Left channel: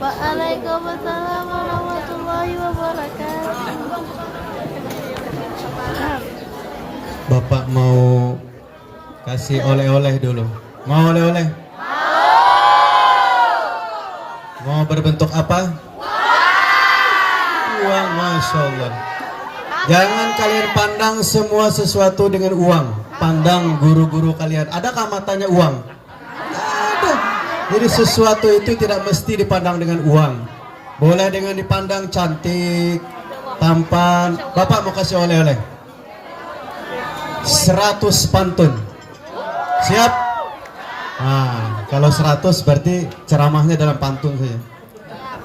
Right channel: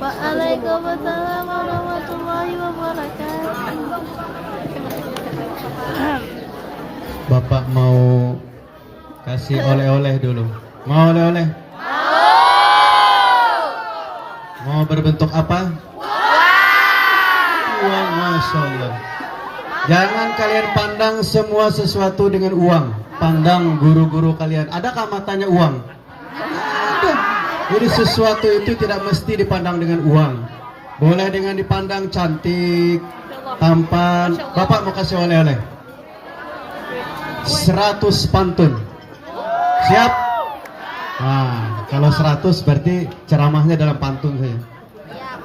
Waalaikumsalam warahmatullahi wabarakatuh. Bapak mau kasih oleh-oleh dulu. Mau oleh-oleh? Mau berbentuk apa? Uang, Masya Allah. Jangan kalian pandang semua sesuatu dengan uang. Pandang guru-guru kalian. Adakah matanya uang? Ada. Jadi sesuatu itu tidak mesti dipandang dengan uang. Boleh dengan dipandang cantik, tampan. Bapak mau kasih oleh-oleh 100 pantun. Siap? Nah, kalau 100 berarti ceramahnya dalam pantun saja.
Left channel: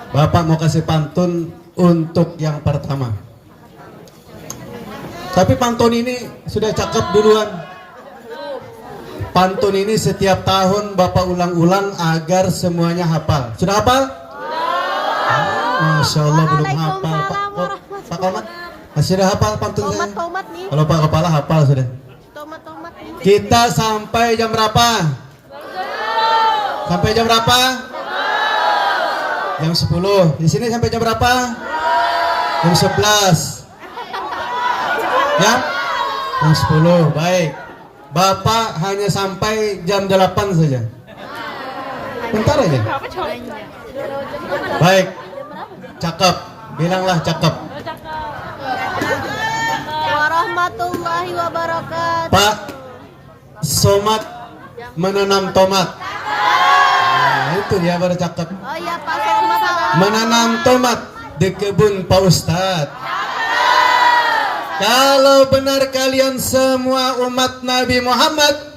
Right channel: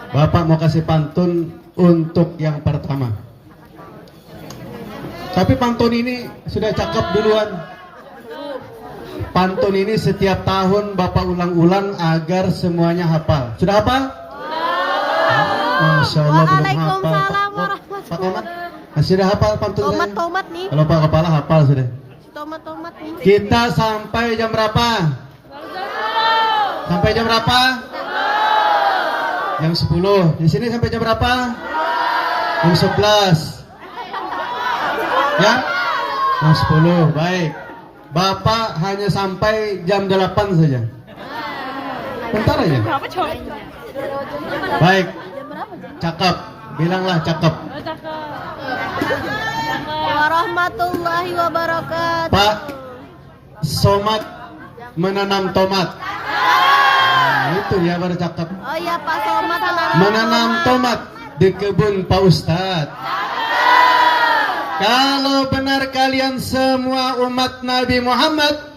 Bapak mau kasih pantun untuk yang pertama. Tapi pantun ini sudah cakep duluan. Pantun ini setiap tahun Bapak ulang-ulang agar semuanya hafal. Sudah hafal? Masya Allah belum hafal. Sudah hafal pantun saya? Tomat nih. Kalau Pak Kepala hafal sudah. Tomat nih. Kita sampai jam berapa? Sampai jam berapa? Jam 10. Di sini sampai jam berapa? Jam 11. Ya? Jam 10. Baik. Bapak hanya sampai jam 8 saja. Bentar aja. Baik. Cakep. Bilanglah cakep. Warahmatullahi wabarakatuh. Pak Somad menanam tomat. Nah, itu dia baru cakep. Oh iya Pak Somad Menanam tomat di kebun Pak Ustadz. Kalau benar kalian semua umat Nabi Muhammad,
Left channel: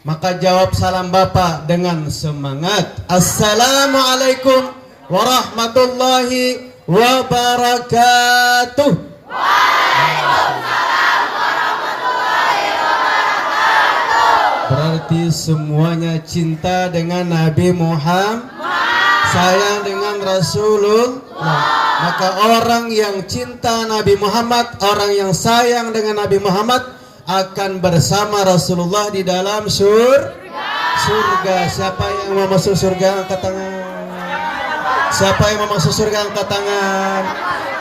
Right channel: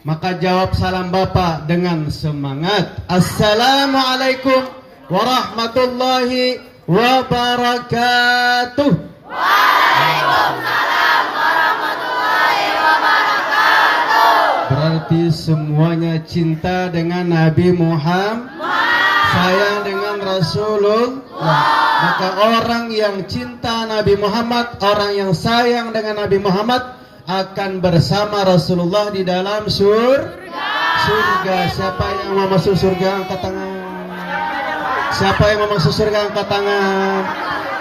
maka jawab salam Bapak dengan semangat. Assalamualaikum warahmatullahi wabarakatuh. Waalaikumsalam warahmatullahi wabarakatuh. Berarti semuanya cinta dengan Nabi Muhammad, sayang dengan Rasulullah. Maka orang yang cinta Nabi Muhammad, orang yang sayang dengan Nabi Muhammad akan bersama Rasulullah di dalam surga. Siapa yang mau masuk surga angkat tangan. Siapa yang mau masuk surga angkat tangan.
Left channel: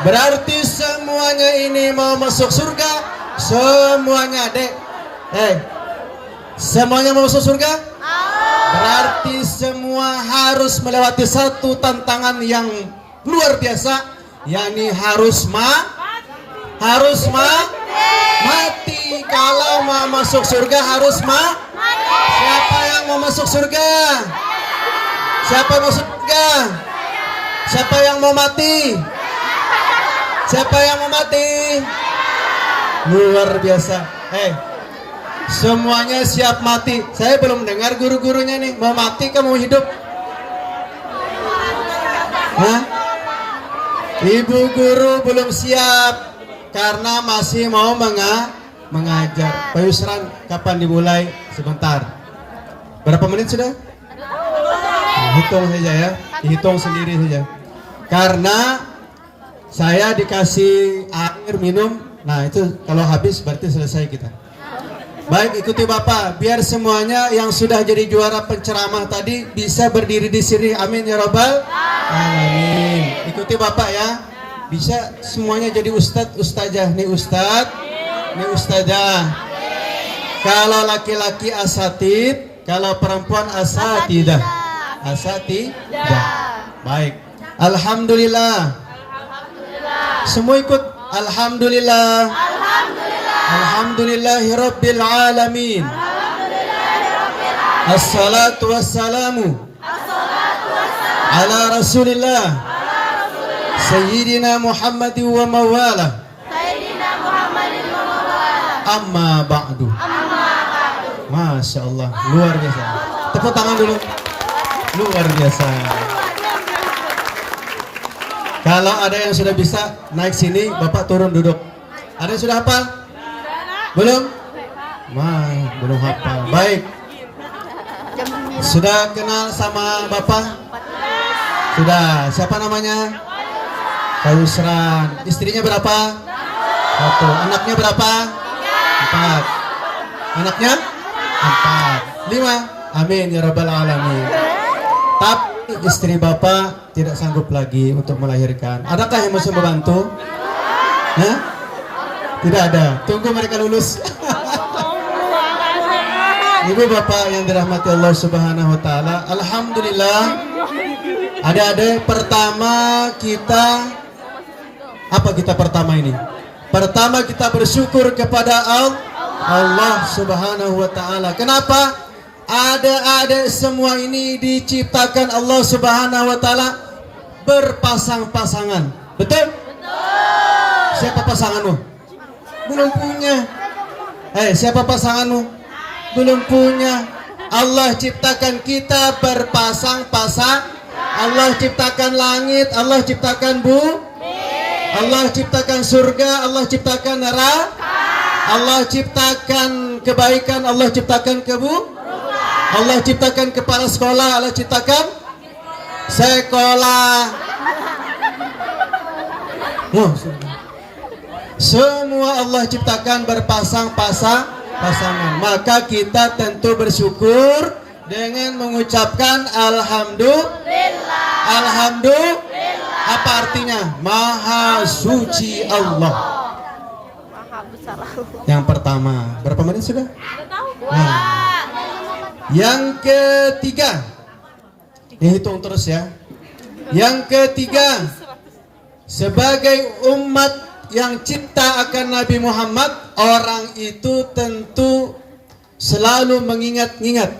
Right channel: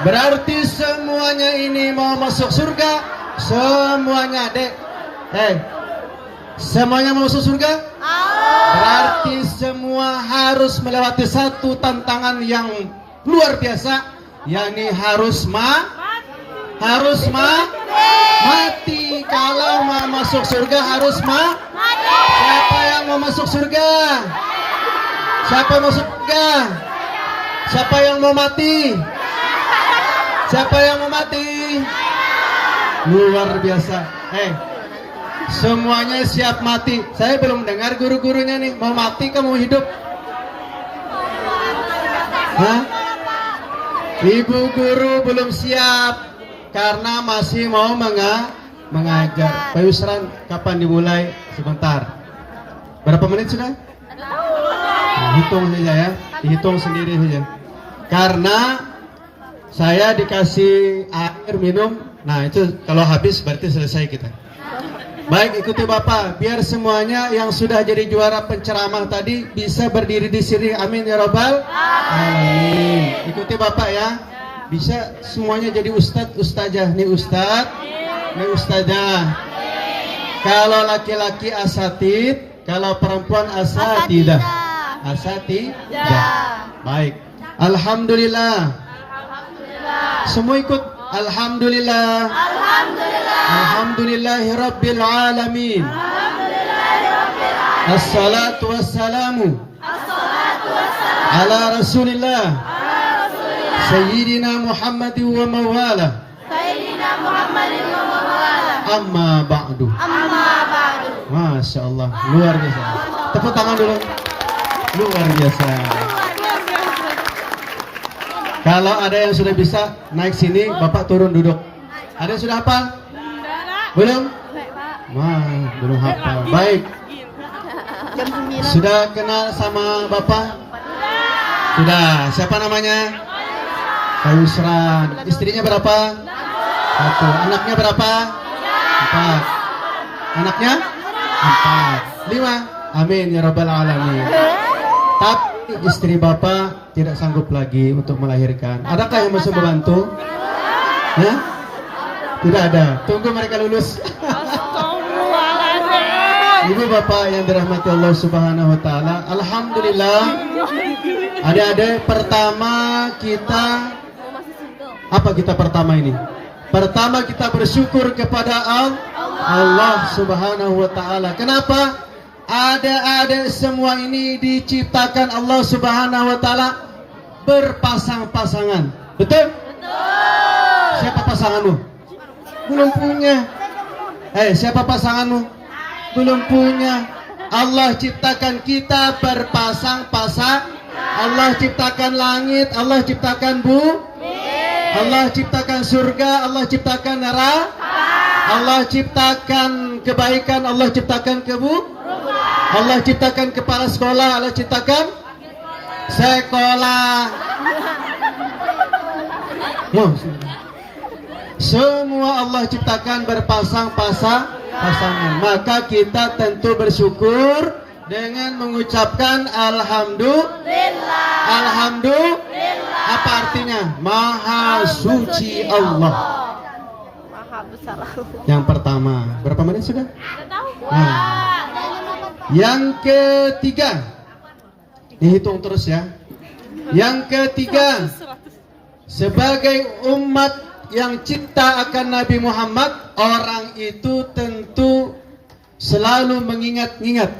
Berarti semuanya ini mau masuk surga. Semuanya dek. Semuanya mau masuk surga. Berarti semua harus melewati satu tantangan yang luar biasa, yakni harus mati. Kalau mau masuk surga harus mati. Siapa yang mau masuk surga? Siapa yang masuk surga? Siapa yang mau mati? Siapa yang mau mati? Luar biasa. Semuanya siap mati. Saya belum dengar guru-gurunya nih, mau mati ke mau hidup? Hah? Ibu guru belum siap karena masih mau mengajar. Pak Yusran, kapan dimulai? Sebentar. Berapa menit sudah? Hitung saja ya, hitung sendiri saja. Karena saya dikasih air minum, nah itu kalau habis berarti selesai kita. Baik, ikuti Bapak, biar semuanya yang sudah jadi juara penceramah tadi bisa berdiri di sini. Amin ya Rabbal Alamin. Ikuti Bapak ya. Bisa semuanya jadi ustadz, ustazah. Nih ustadz, nih ustazah. Kalau laki-laki asatid, kalau perempuan asatidah. Asatidah. Baik. Alhamdulillah. Semua ikut. Alhamdulillah. Alhamdulillahirabbil alamin. Assalatu wassalamu ala Rasulillah Sayyidina Muhammadin wa mawala. Amma ba'du. Masya Allah, luar biasa. Tepuk tangan dulu. Luar biasa. Kalau ada yang sudah bisa naik sini, Bapak turun duduk. Ada yang sudah hafal? Belum? Wah, belum hafal. Baik. Sudah kenal sama Bapak? Sudah. Siapa namanya? Pak Yusran. Istrinya berapa? 1. Anaknya berapa? 4. Anaknya? 4. 5. Amin ya Rabbal Alamin. Tapi istri Bapak tidak sanggup lagi untuk melahirkan. Adakah yang mau membantu? Hah? Tidak ada. Tunggu mereka lulus. Ibu Bapak yang dirahmati Allah Subhanahu wa taala, alhamdulillah. Adik-adik, pertama kita pertama ini? Pertama kita bersyukur kepada Allah Subhanahu wa taala. Kenapa? Adik-adik semua ini diciptakan Allah Subhanahu wa taala berpasang-pasangan. Betul? Siapa pasanganmu? Belum punya. Siapa pasanganmu? Belum punya. Allah ciptakan kita berpasang-pasang. Allah ciptakan langit, Allah ciptakan Allah ciptakan surga, Allah ciptakan neraka. Allah ciptakan kebaikan, Allah ciptakan Allah ciptakan kepala sekolah, Allah ciptakan sekolah. Semua Allah ciptakan berpasang-pasangan. Maka kita tentu bersyukur dengan mengucapkan alhamdulillah. Alhamdulillah. Apa artinya? Maha suci Allah. Maha besar. Yang pertama, berapa menit sudah? Nah. Yang ketiga, dihitung terus ya. Yang ketiga, sebagai umat yang cinta akan Nabi Muhammad, orang itu tentu selalu mengingat-ingat.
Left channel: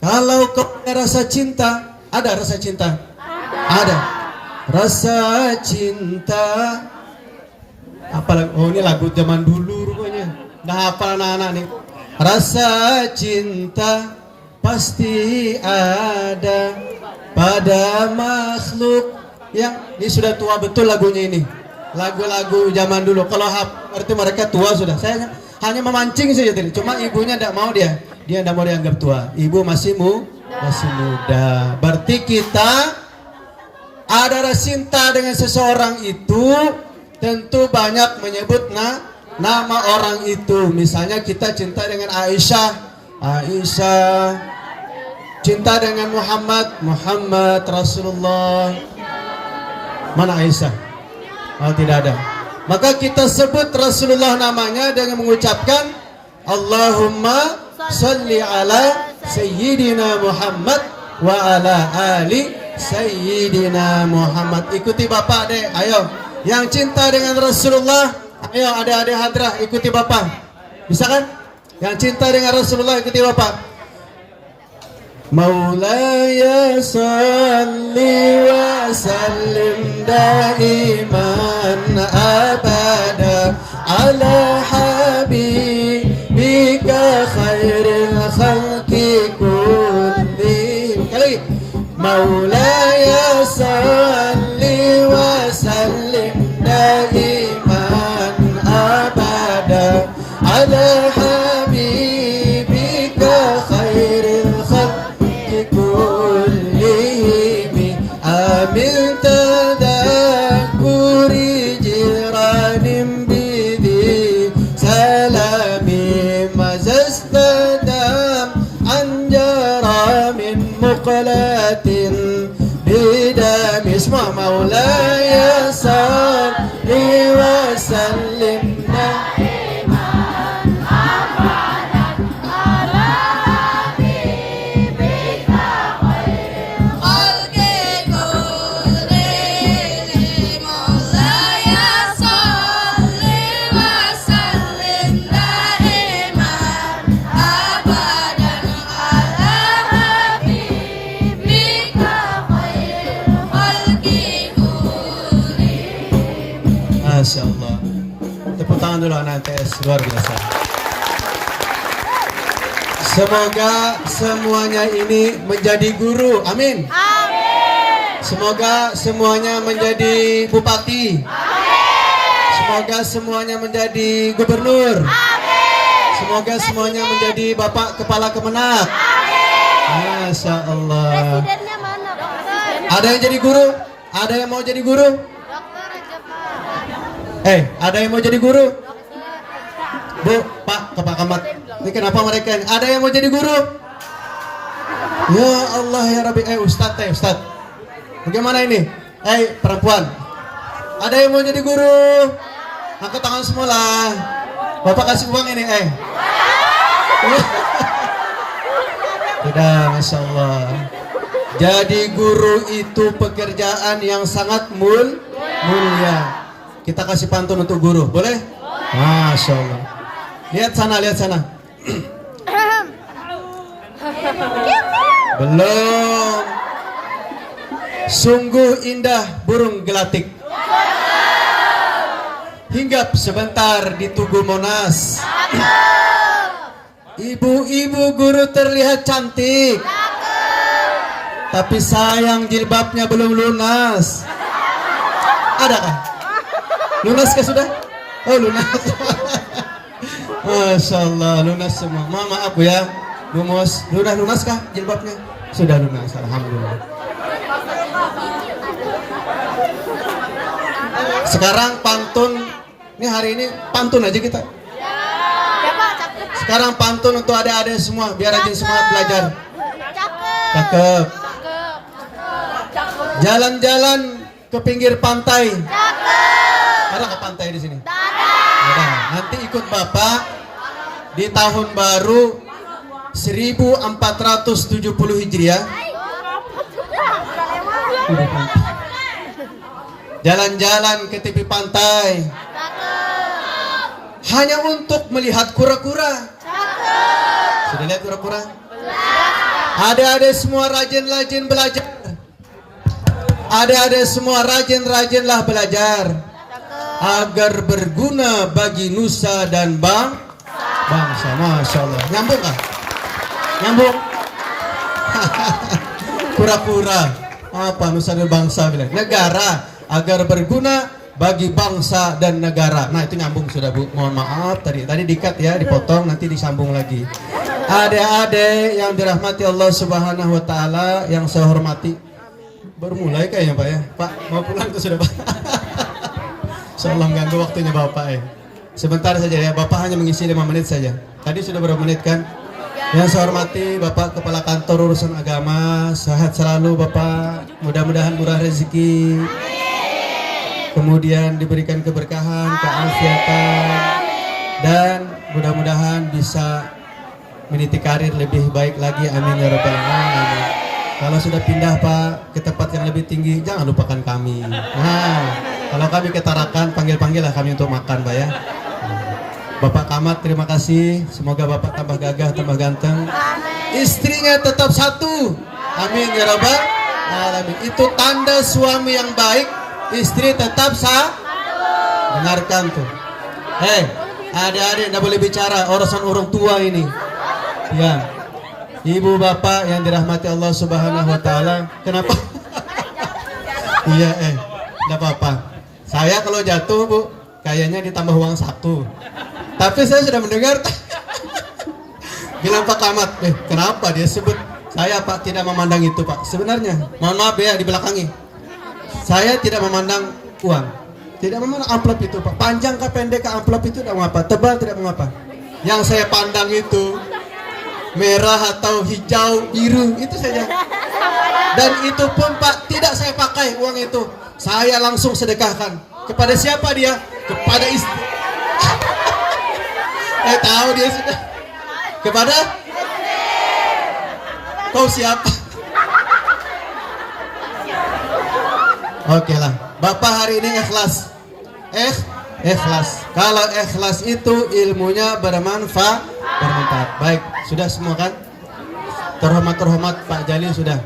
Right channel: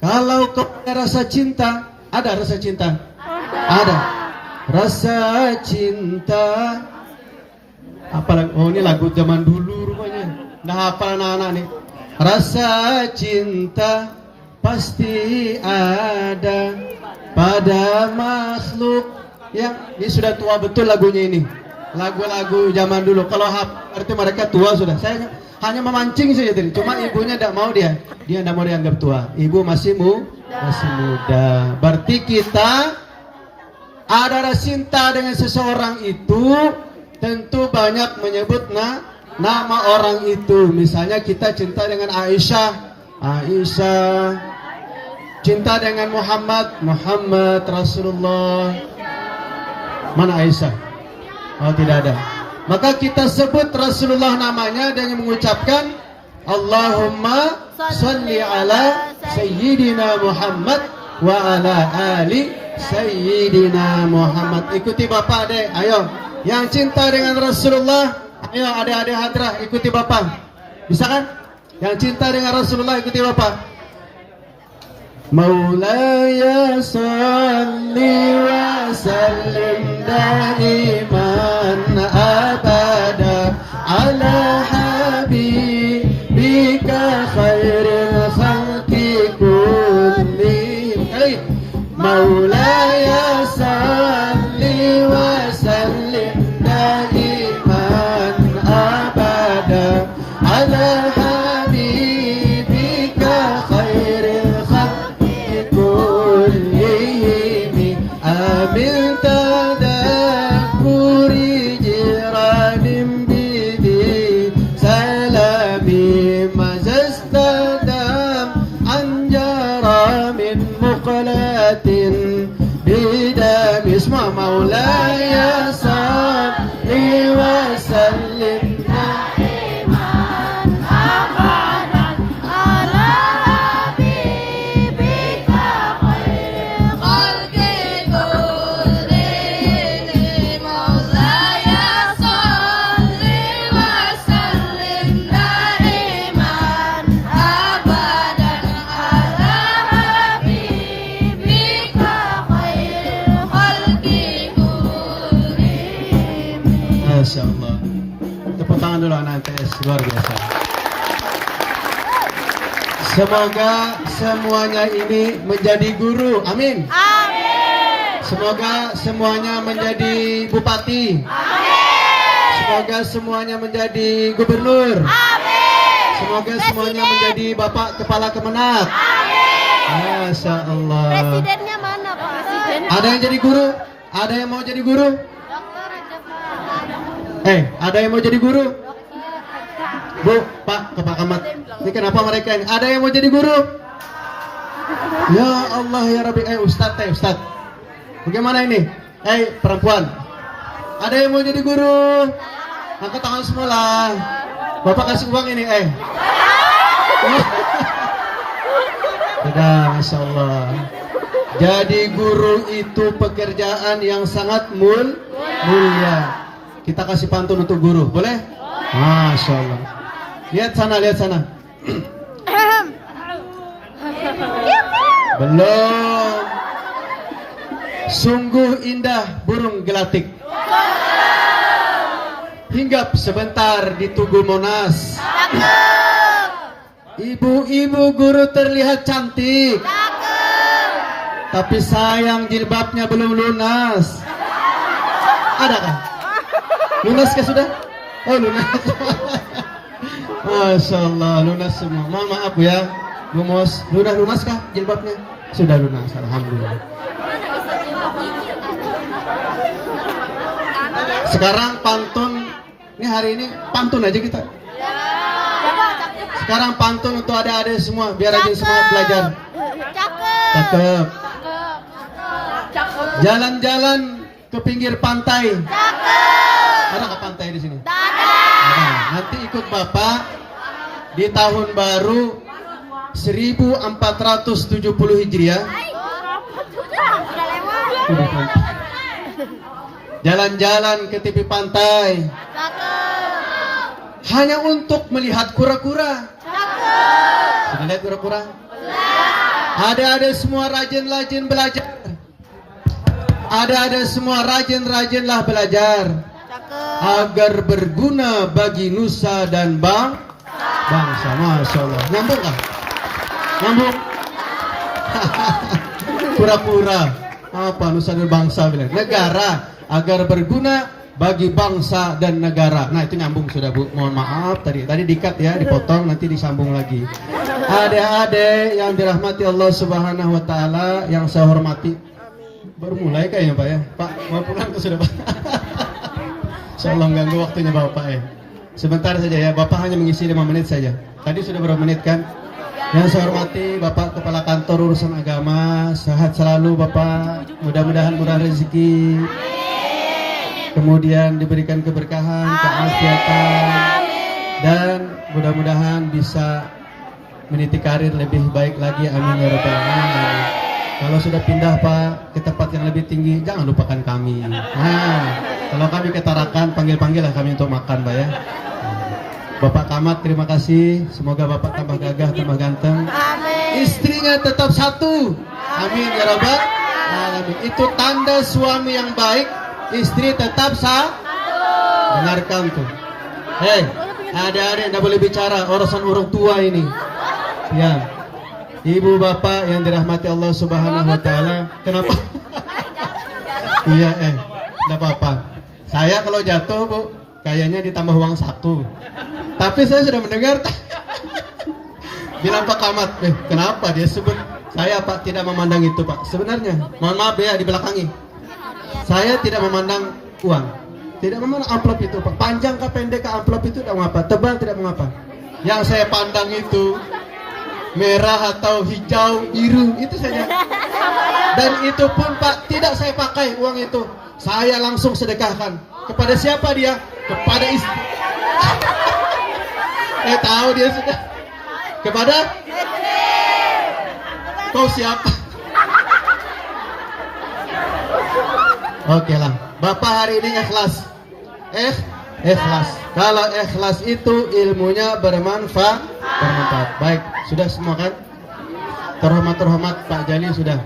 Kalau kau ada rasa cinta, ada rasa cinta? Ada. Rasa cinta. Apalagi, ini lagu zaman dulu rupanya. Nah, hafal anak-anak nih. Rasa cinta pasti ada pada makhluk. Ya, ini sudah tua betul lagunya ini. Lagu-lagu zaman dulu. Kalau arti mereka tua sudah. Saya hanya memancing saja tadi. Cuma ibunya tidak mau dia tidak mau dianggap tua. Ibu masih muda. Berarti kita ada rasa cinta dengan seseorang itu tentu banyak menyebut nama orang itu. Misalnya kita cinta dengan Aisyah, cinta dengan Muhammad Rasulullah. Mana Aisyah? Oh, tidak ada. Maka kita sebut Rasulullah namanya dengan mengucapkan Allahumma salli ala Sayyidina Muhammad wa ala ali Sayyidina Muhammad. Ikuti Bapak, Dek. Ayo. Yang cinta dengan Rasulullah, ayo adik-adik hadrah ikuti Bapak. Bisa kan? Yang cinta dengan Rasulullah ikuti Bapak. Maulaya salli wa sallim daiman abada ala habibika khairil khalqi kullihim. Maulaya salli wa sallim daiman abada ala habibika khairil Masya Allah. Tepuk tangan dulu anak MTS, luar biasa. Semoga semuanya ini menjadi guru, amin. Semoga semuanya menjadi bupati, semoga semuanya menjadi gubernur, semoga semuanya menjadi bapak kepala kemenak. Masya Allah. Presidennya mana? Ada yang jadi guru? Ada yang mau jadi guru? Dokter aja, Pak. Ada yang mau jadi guru? Bu, Pak, Kepala Camat. Ini kenapa mereka ini? Ada yang mau jadi guru? Ya Allah ya Rabbi. Ustaz. Bagaimana ini? Perempuan. Ada yang mau jadi guru? Angkat tangan semua lah. Bapak kasih uang ini, Sudah, Masya Allah. Jadi guru itu pekerjaan yang sangat mulia. Kita kasih pantun untuk guru, boleh? Masya Allah. Lihat sana. Belum. Sungguh indah burung gelatik. Hinggap sebentar di Tugu Monas. Ibu-ibu guru terlihat cantik. Tapi sayang jilbabnya belum lunas. Adakah? Lunas kah sudah? Oh lunas. Masya Allah lunas semua. Maaf ya Bu Mos. Lunas kah jilbabnya? Sudah lunas, alhamdulillah. Sekarang pantun. Ini hari ini pantun aja kita. Sekarang pantun untuk adik-adik semua biar rajin semangat belajar. Cakep. Jalan-jalan ke pinggir pantai. Ada nggak pantai di sini? Ada. Nanti ikut Bapak di tahun baru 1470 Hijriah. Jalan-jalan ke tepi pantai. Hanya untuk melihat kura-kura. Sudah lihat kura-kura? Ada semua rajin-rajin belajar. Ada semua rajin-rajinlah belajar agar berguna bagi nusa dan bangsa. Masya Allah. Nyambung kan? Nyambung. Kura-kura. Apa nusa dan bangsa bilang? Negara agar berguna bagi bangsa dan negara. Nah itu nyambung sudah Bu. Mohon maaf tadi dikat ya, dipotong nanti disambung lagi. Adik-adik yang dirahmati Allah Subhanahu wa taala yang saya hormati. Baru mulai kayaknya Pak ya. Pak mau pulang ke sudah Pak. Insyaallah ganggu waktunya Bapak ya. Sebentar saja ya, Bapak hanya mengisi 5 menit saja. Tadi sudah berapa menit kan? Yang saya hormati Bapak Kepala Kantor Urusan Agama, sehat selalu Bapak. Mudah-mudahan murah rezeki. Kemudian diberikan keberkahan, keafiatan, dan mudah-mudahan bisa meniti karir lebih baik lagi. Amin ya rabbal alamin. Kalau sudah pindah Pak ke tempat yang lebih tinggi, jangan lupakan kami. Nah, kalau kami ketarakan, panggil-panggillah kami untuk makan Pak ya. Bapak Kamat terima kasih. Semoga Bapak tambah gagah, tambah ganteng. Istrinya tetap satu. Amin ya rabbal alamin. Itu tanda suami yang baik. Istri tetap sah. Dengarkan tuh. Adik-adik tidak boleh bicara urusan orang tua ini. Ya, ibu bapak yang dirahmati Allah Subhanahu wa taala. Kenapa? Iya, tidak apa-apa. Saya kalau jatuh Bu, kayaknya ditambah uang 1. Tapi saya sudah mendengar bilang Pak Kamat, kenapa dia sebut saya Pak tidak memandang itu Pak. Sebenarnya, mohon maaf ya dibelakangi. Saya tidak memandang uang, tidak memandang amplop itu Pak. Panjang kah pendek kah amplop itu tidak mengapa, tebal tidak mengapa. Yang saya pandang itu merah atau hijau, biru, itu saja. Dan itu pun Pak tidak saya pakai uang itu. Saya langsung sedekahkan. Kepada siapa dia? Kepada istri. Tahu dia sudah. Kepada? Kau siapa? Oke lah, Bapak hari ini ikhlas. Ikhlas. Kalau ikhlas itu ilmunya bermanfaat. Baik, sudah semua kan? Terhormat Pak Jali sudah.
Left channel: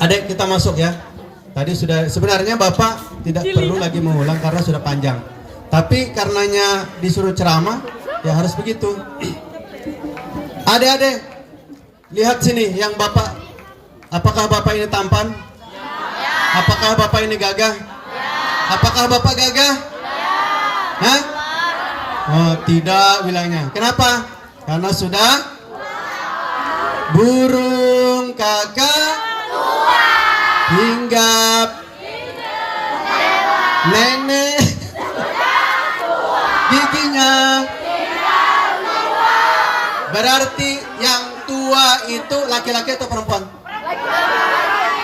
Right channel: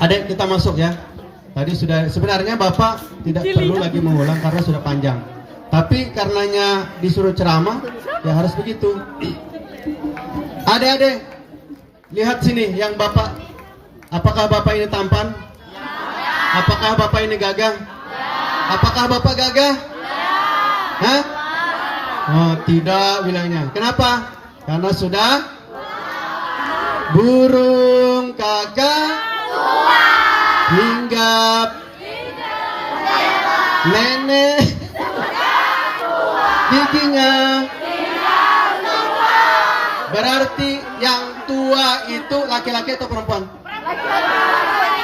Adek kita masuk ya. Tadi sudah, sebenarnya Bapak tidak perlu lagi mengulang karena sudah panjang. Tapi karenanya disuruh ceramah, ya harus begitu. Adek-adek, lihat sini yang Bapak. Apakah Bapak ini tampan? Apakah Bapak ini gagah? Apakah Bapak gagah? Hah? Oh, tidak bilangnya. Kenapa? Karena sudah burung kakak hinggap nenek giginya. Berarti yang tua itu laki-laki atau perempuan?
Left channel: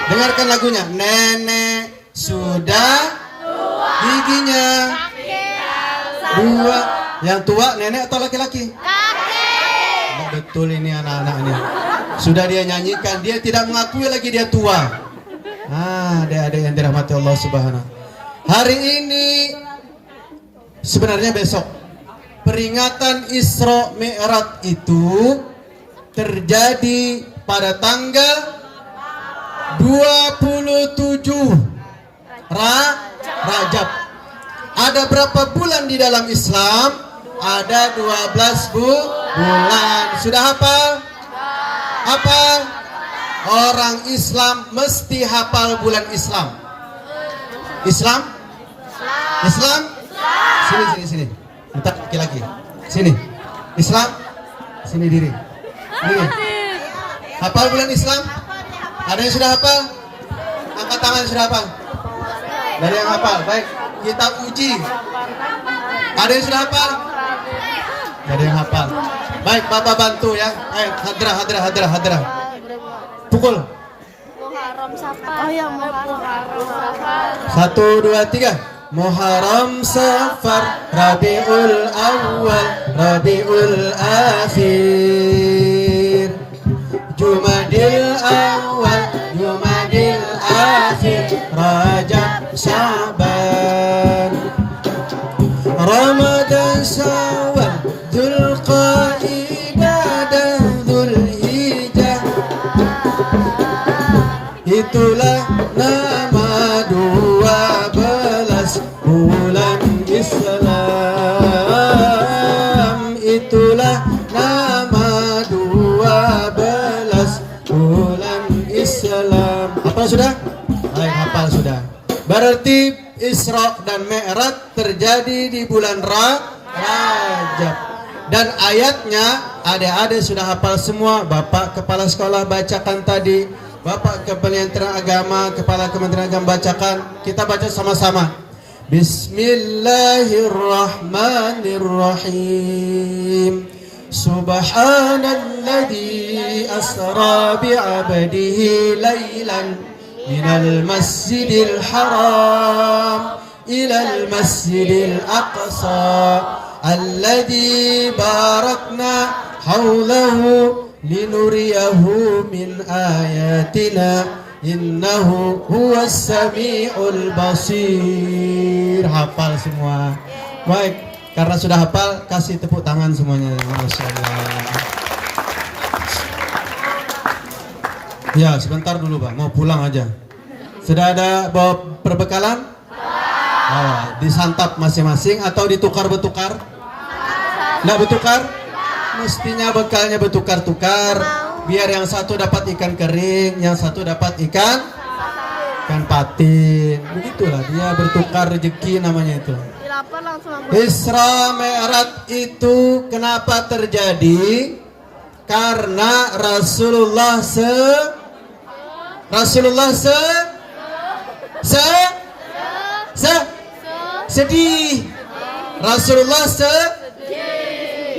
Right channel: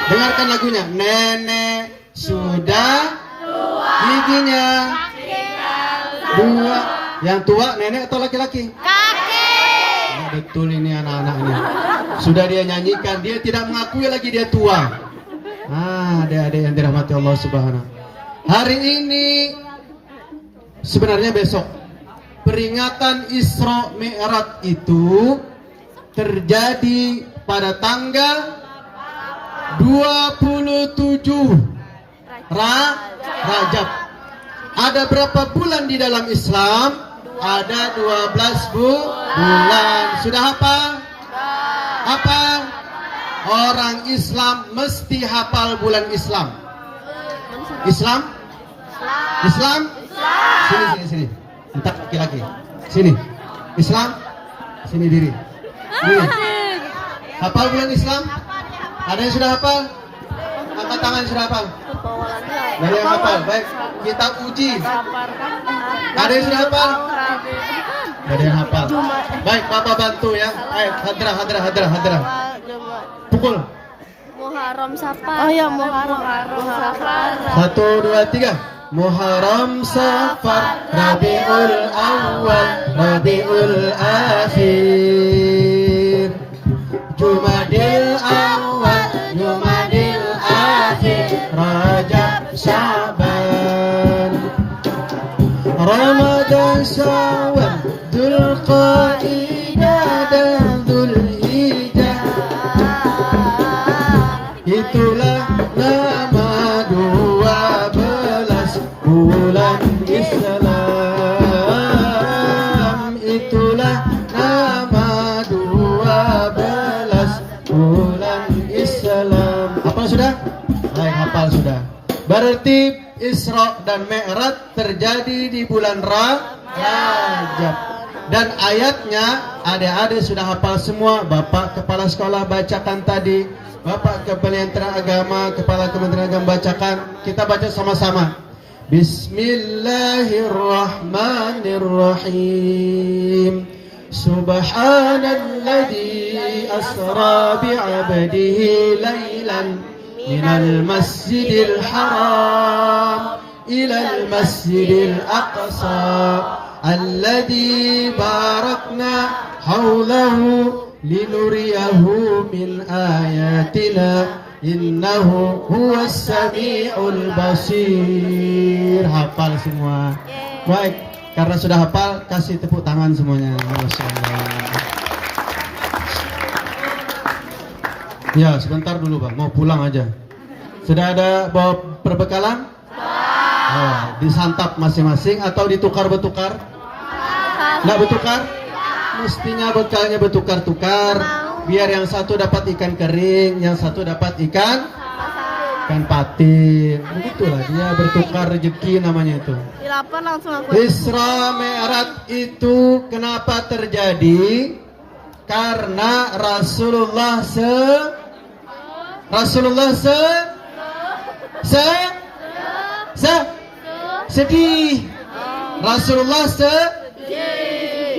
Dengarkan lagunya. Nenek sudah giginya dua. Yang tua nenek atau laki-laki? Oh, betul ini anak-anaknya. Sudah dia nyanyikan, dia tidak mengakui lagi dia tua. Nah, adik-adik yang dirahmati Allah Subhanahu. Hari ini sebenarnya besok peringatan Isra Mi'raj itu terjadi pada tanggal 27 Rajab. Ada berapa bulan di dalam Islam? Ada 12 bulan. Sudah hafal? Hafal? Orang Islam mesti hafal bulan Islam. Islam? Islam? Sini. Minta laki-laki. Sini. Islam? Sini diri. Ini. Hafal bulan Islam? Ada yang sudah hafal? Angkat tangan sudah hafal. Ada yang hafal. Baik, kita uji. Ada yang sudah hafal? Ada yang hafal. Baik, Bapak bantu ya. Ayo, hadrah. Pukul. Muharram Safar. Oh ya, Muharram Safar. 1, 2, 3. Muharram Safar, Rabiul Awal, Rabiul Akhir, Jumadil Awal, Jumadil Akhir, Rajab Syaban, Ramadan Syawal, Dzulqa'dah dan Dzulhijjah. Itulah nama 12 bulan Islam. Itulah nama 12 bulan Islam. Apa sudah? Baik, hafal sudah. Berarti Isra dan Mi'raj terjadi di bulan Rajab. Dan ayatnya adik-adik sudah hafal semua. Bapak kepala sekolah bacakan tadi, Bapak Kementerian Agama, Kepala Kementerian Agama bacakan. Kita baca sama-sama. Bismillahirrahmanirrahim. Subhanalladzi asra bi'abdihi laylan minal masjidil haram ilal masjidil aqsa alladzi barakna hawlahu linuriyahu min ayatina innahu huwas sami'ul basir. Hafal semua. Baik, karena sudah hafal, kasih tepuk tangan semuanya. Ya, sebentar dulu Pak, mau pulang aja. Sudah ada bawa perbekalan? Oh, disantap masing-masing atau ditukar-betukar? Nggak betukar? Mestinya bekalnya bertukar-tukar, biar yang satu dapat ikan kering, yang satu dapat ikan patin. Begitulah dia bertukar rezeki namanya itu. Isra Mi'raj itu kenapa terjadi? Karena Rasulullah sedih. Rasulullah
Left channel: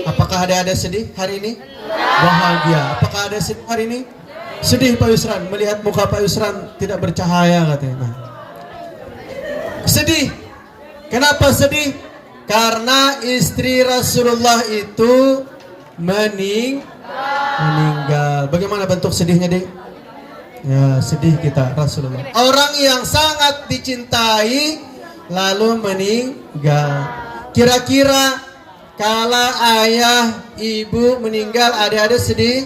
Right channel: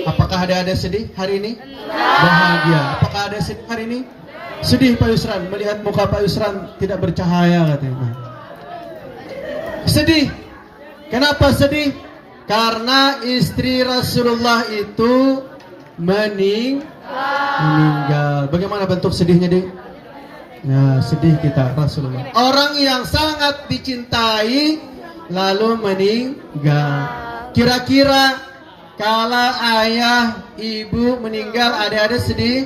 Apakah ada sedih hari ini? Bahagia. Apakah ada sedih hari ini? Sedih Pak Yusran, melihat muka Pak Yusran tidak bercahaya katanya. Sedih. Kenapa sedih? Karena istri Rasulullah itu meninggal. Bagaimana bentuk sedihnya, Dik? Ya, sedih kita Rasulullah. Orang yang sangat dicintai lalu meninggal. Kira-kira kalau ayah, ibu meninggal, ada sedih?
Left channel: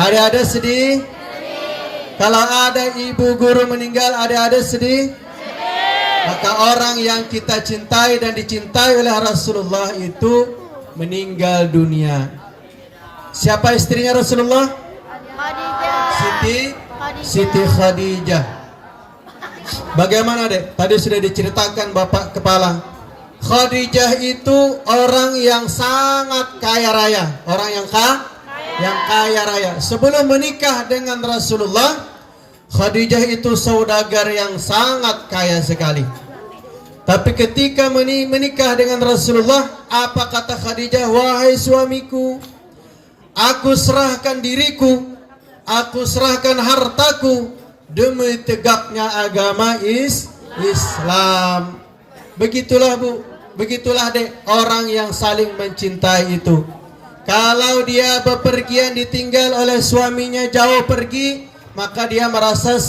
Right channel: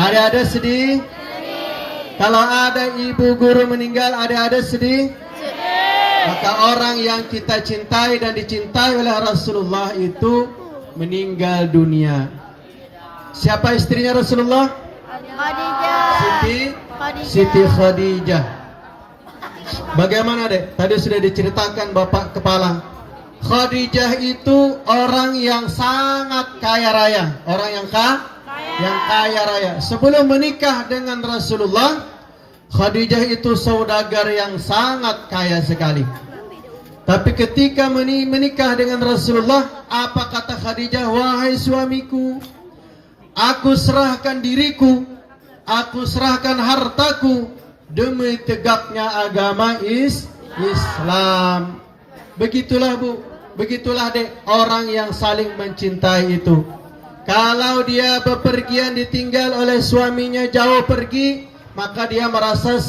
Ada sedih? Kalau ada ibu guru meninggal, ada sedih? Maka orang yang kita cintai dan dicintai oleh Rasulullah itu meninggal dunia. Siapa istrinya Rasulullah? Siti Khadijah. Bagaimana dek? Tadi sudah diceritakan Bapak Kepala. Khadijah itu orang yang sangat kaya raya, orang yang kaya raya. Sebelum menikah dengan Rasulullah, Khadijah itu saudagar yang sangat kaya sekali. Tapi ketika menikah dengan Rasulullah, apa kata Khadijah? Wahai suamiku, aku serahkan diriku aku serahkan hartaku demi tegaknya agama Islam. Begitulah Bu, begitulah Dek, orang yang saling mencintai itu. Kalau dia bepergian ditinggal oleh suaminya jauh pergi, maka dia merasa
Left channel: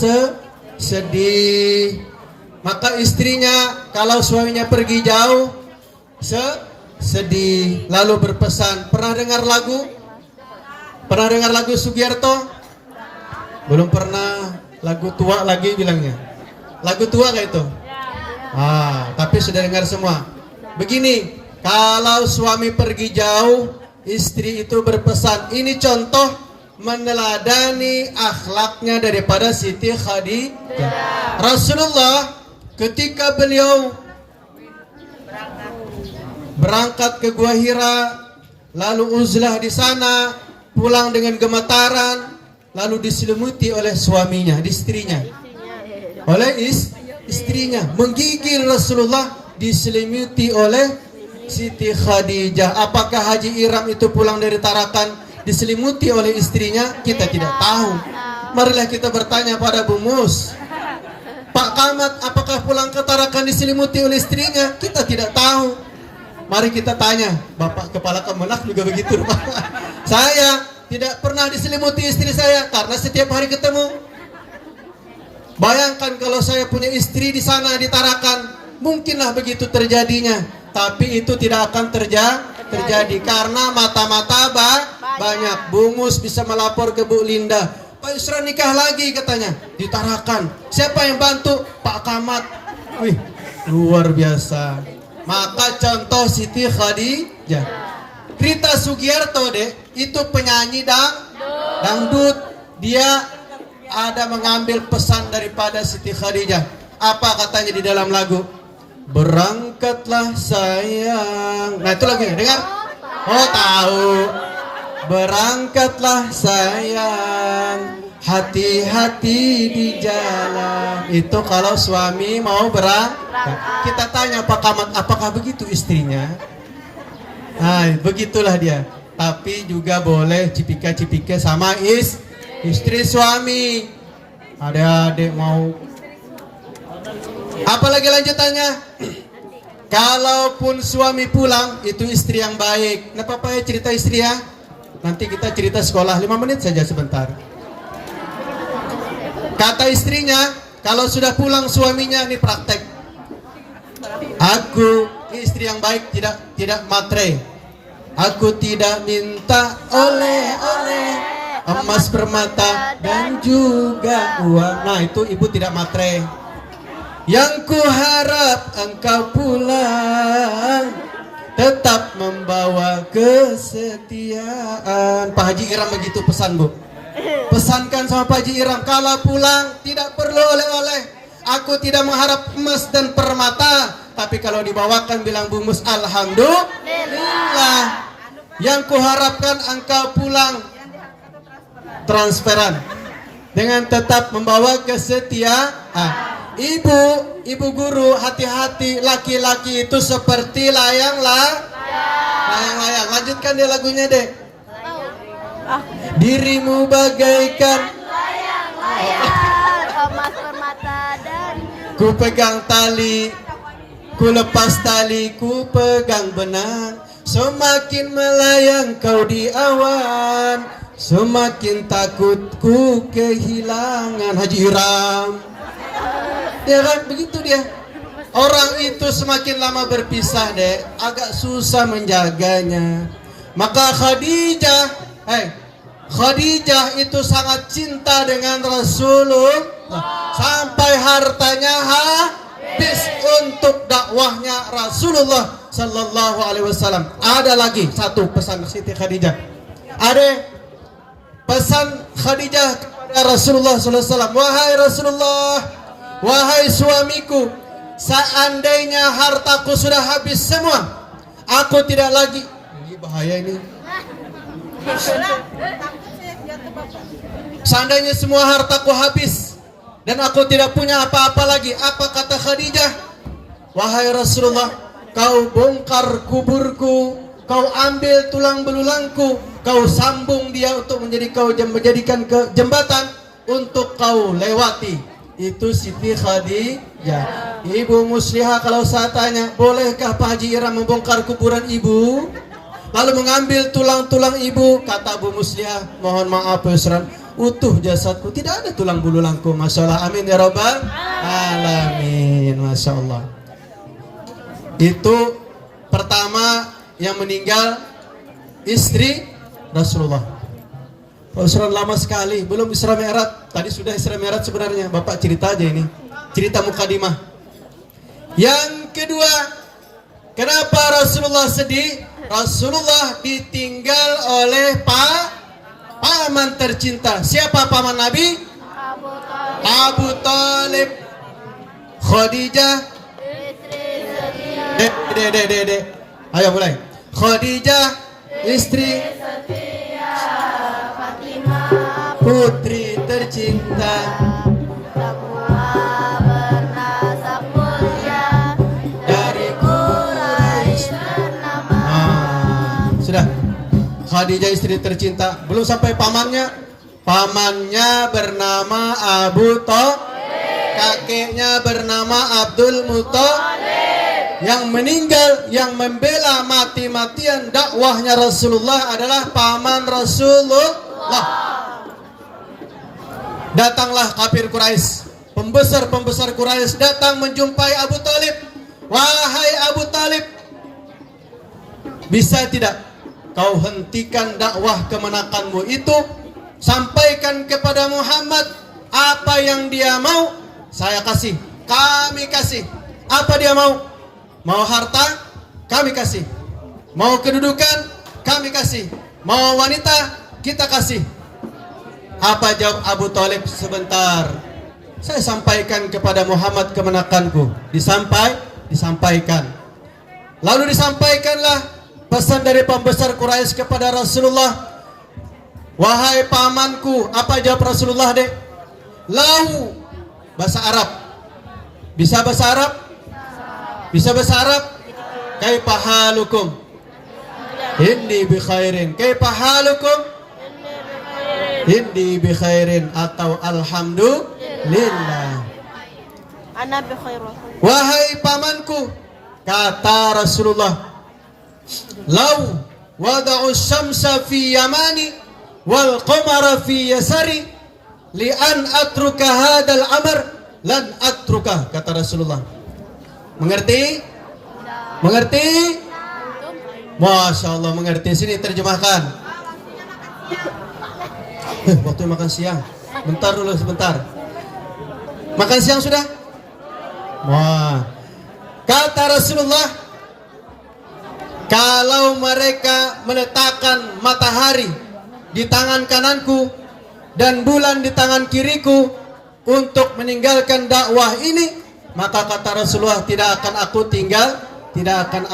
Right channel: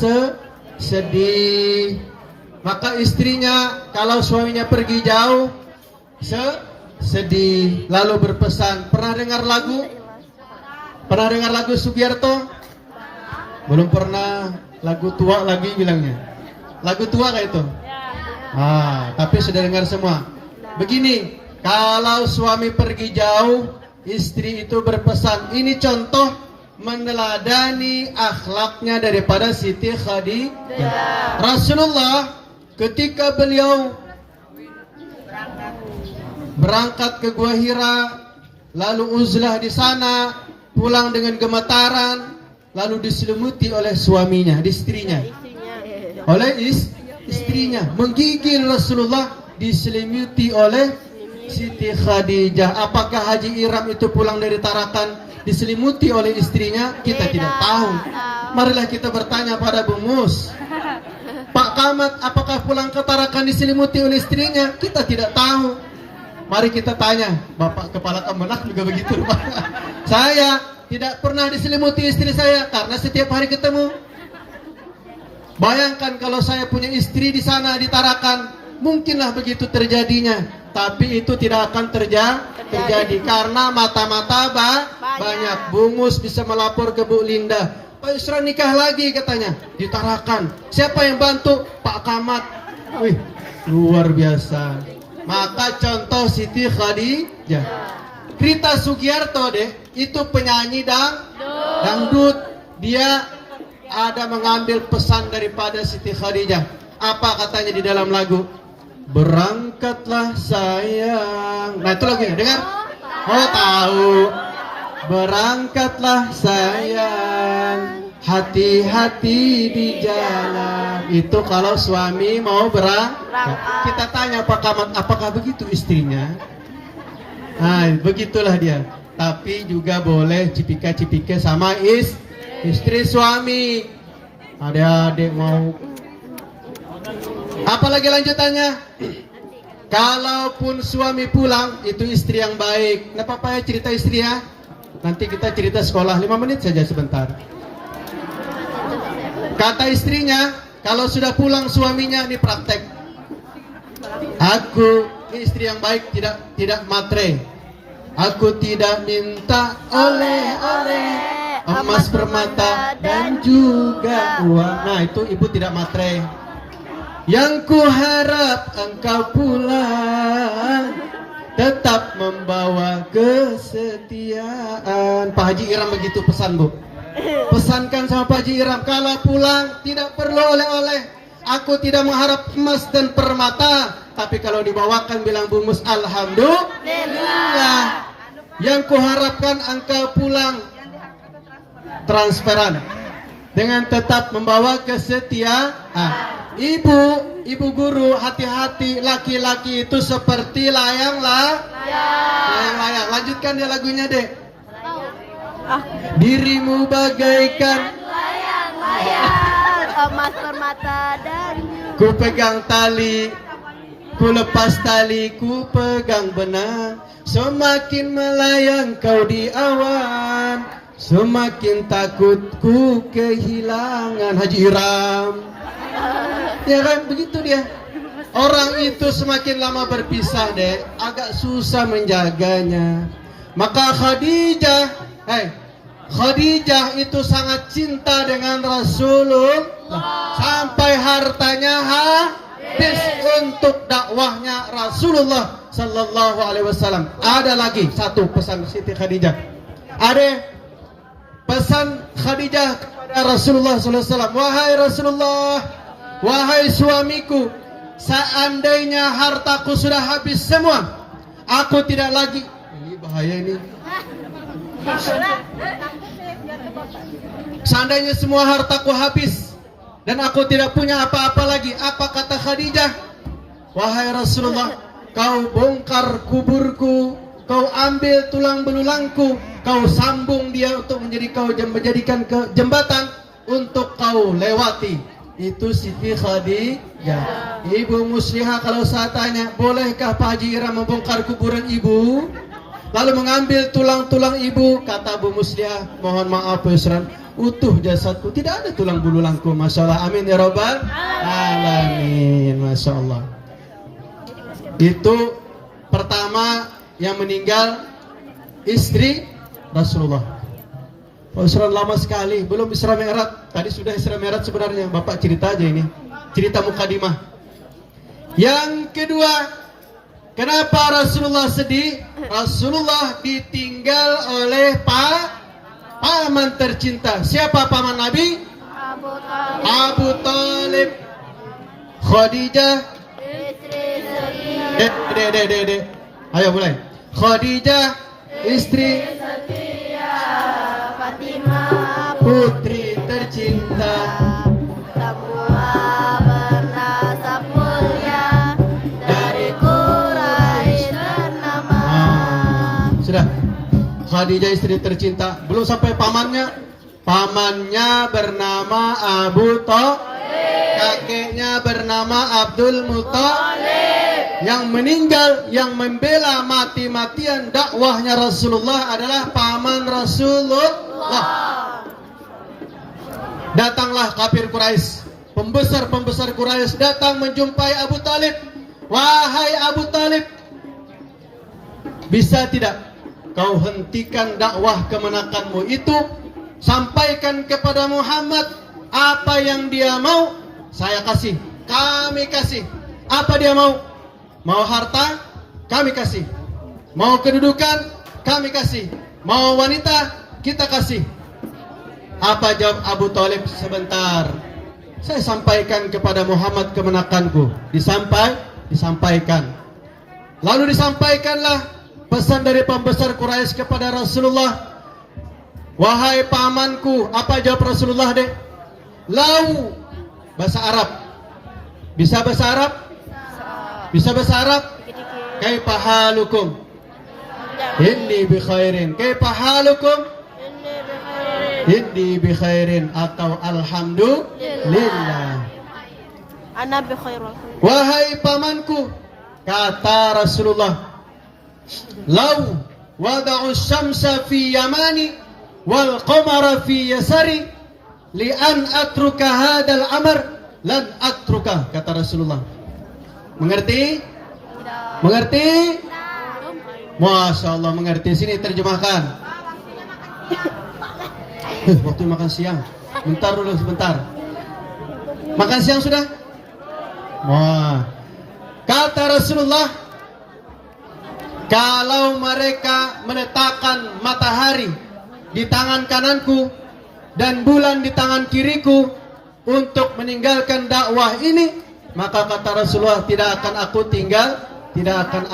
sedih. Maka istrinya kalau suaminya pergi jauh sedih, lalu berpesan. Pernah dengar lagu? Pernah dengar lagu Sugiarto? Belum pernah. Lagu tua lagi bilangnya. Lagu tua kayak itu? Tapi sudah dengar semua. Begini, kalau suami pergi jauh, istri itu berpesan. Ini contoh meneladani akhlaknya daripada Siti Khadijah. Rasulullah ketika beliau berangkat ke Gua Hira, lalu uzlah di sana, pulang dengan gemetaran, lalu diselimuti oleh suaminya, istrinya, oleh istrinya, menggigil Rasulullah, diselimuti oleh Siti Khadijah. Apakah Haji Iram itu pulang dari Tarakan diselimuti oleh istrinya? Kita tidak tahu. Marilah kita bertanya pada Bu Mus. Pak Kamat, apakah pulang ke Tarakan diselimuti oleh istrinya? Kita tidak tahu. Mari kita tanya. Bapak Kepala Kemenak juga begitu. Saya tidak pernah diselimuti istri saya karena setiap hari ketemu. Bayangkan kalau saya punya istri di sana di Tarakan, mungkinlah begitu terjadinya. Tapi itu tidak akan terjadi karena mata-mata banyak. Bu Mus bisa melapor ke Bu Linda. Pak Yusra nikah lagi katanya di Tarakan. Siapa yang bantu? Pak Kamat. Wih, luar biasa. Maka contoh Siti Khadijah. Rita Sugiarto deh, itu penyanyi dangdut. Dia ada mengambil pesan daripada Siti Khadijah. Apa katanya di dalam lagu? Berangkatlah sayang. Nah itu lagunya, dengar? Oh tahu. Berangkatlah sayang, hati-hati di jalan. Itu kalau suami mau berangkat. Kita tanya Pak Kamat, apakah begitu istrinya? Nah begitulah dia. Tapi juga boleh cipika-cipika sama istri suami. Adik-adik mau. Apalagi lanjutannya? Kalaupun suami pulang, itu istri yang baik. Nah Papa ya cerita istri ya. Nanti kita cerita sekolah 5 menit saja sebentar. Kata istrinya, kalau sudah pulang suaminya, ini praktek. Aku, ini istri yang baik, tidak matre. Aku tidak minta oleh-oleh, emas permata dan juga uang. Nah itu ibu tidak matre. Yang ku harap engkau pulang, tetap membawa kesetiaan. Pak Haji Iram begitu pesan Bu. Pesankan sama Pak Haji Iram, kalau pulang tidak perlu oleh-oleh. Aku tidak mengharap emas dan permata, tapi kalau dibawakan bilang Bu Mus, alhamdulillah. Yang kuharapkan engkau pulang transferan dengan tetap membawa kesetiaan. Ibu guru, hati-hati, laki-laki itu seperti layang-layang. Lanjutkan dia lagunya deh. Dirimu bagaikan layang-layang, emas permata dan ku pegang tali, ku lepas tali, ku pegang benang. Semakin melayang kau di awan, semakin takut ku kehilangan. Haji Iram. Ya kan begitu dia. Orang itu semakin lama berpisah deh, agak susah menjaganya. Maka Khadijah itu sangat cinta dengan Rasulullah sampai hartanya habis untuk dakwahnya Rasulullah Sallallahu Alaihi Wasallam. Ada lagi satu pesan Siti Khadijah. Ada pesan Khadijah kepada Rasulullah Sallallahu Alaihi Wasallam. Wahai Rasulullah, wahai suamiku, seandainya hartaku sudah habis semua, aku tidak lagi. Ini bahaya ini. Seandainya semua hartaku habis dan aku tidak punya apa-apa lagi, apa kata Khadijah? Wahai Rasulullah, kau bongkar kuburku, kau ambil tulang belulangku, kau sambung dia untuk menjadikan ke jembatan untuk kau lewati. Itu Siti Khadijah. Ibu Muslihah, kalau saya tanya, bolehkah Pak Haji Iram membongkar kuburan ibu lalu mengambil tulang-tulang ibu? Kata Bu Muslihah, mohon maaf Pak Yusran, utuh jasadku, tidak ada tulang bululangku. Masya Allah, amin ya rabbal alamin. Masya Allah. Itu pertama yang meninggal istri Rasulullah. Pak Yusran lama sekali, belum Isra Mi'raj. Tadi sudah Isra Mi'raj sebenarnya, Bapak cerita aja ini, cerita mukadimah. Yang kedua, kenapa Rasulullah sedih? Rasulullah ditinggal oleh paman tercinta. Siapa paman Nabi? Abu Talib. Khadijah. Ayo mulai. Khadijah, istri putri tercinta. Sudah. Khadijah istri tercinta. Belum sampai pamannya. Pamannya bernama Abu Thalib. Kakeknya bernama Abdul Muthalib. Yang meninggal, yang membela mati-matian dakwahnya Rasulullah adalah paman Rasulullah. Datanglah kafir Quraisy, pembesar-pembesar Quraisy datang menjumpai Abu Talib. Wahai Abu Talib, bisa tidak kau hentikan dakwah kemenakanmu itu, sampaikan kepada Muhammad apa yang dia mau, saya kasih, kami kasih. Apa dia mau? Mau harta, kami kasih. Mau kedudukan, kami kasih. Mau wanita, kita kasih. Apa jawab Abu Talib? Sebentar, saya sampaikan kepada Muhammad kemenakanku. Disampaikan. Lalu disampaikanlah pesan dari pembesar Quraisy kepada Rasulullah. Wahai pamanku, apa jawab Rasulullah deh? Lau, bahasa Arab. Bisa bahasa Arab? Bisa bahasa Arab? Kaifa halukum? Inni bi khairin. Kaifa halukum? Inni bi khairin, atau alhamdulillah. Ana bi khair. Wahai pamanku, kata Rasulullah, lau wada'u syamsa fi yamani wal qamara fi yasari li an atruka hadal amr lan atruka, kata Rasulullah. Mengerti? Mengerti? Masya Allah, mengerti. Sini terjemahkan. Waktu makan siang. Bentar dulu, sebentar. Makan siang sudah? Wah. Kata Rasulullah, kalau mereka meletakkan matahari di tangan kananku dan bulan di tangan kiriku untuk meninggalkan dakwah ini, maka kata Rasulullah, tidak akan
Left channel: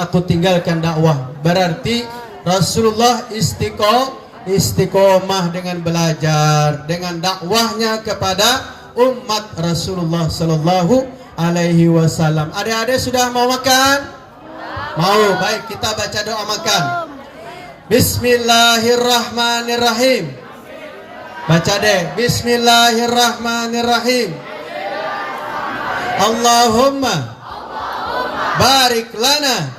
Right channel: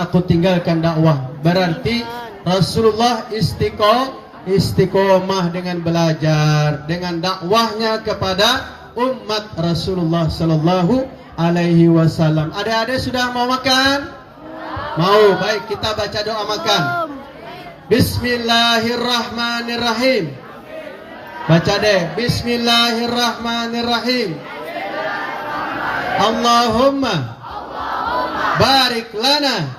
aku tinggalkan dakwah. Berarti Rasulullah istiqomah dengan belajar, dengan dakwahnya kepada umat Rasulullah sallallahu alaihi wasallam. Adik-adik sudah mau makan? Mau. Baik, kita baca doa makan. Bismillahirrahmanirrahim. Baca deh. Bismillahirrahmanirrahim. Allahumma barik lana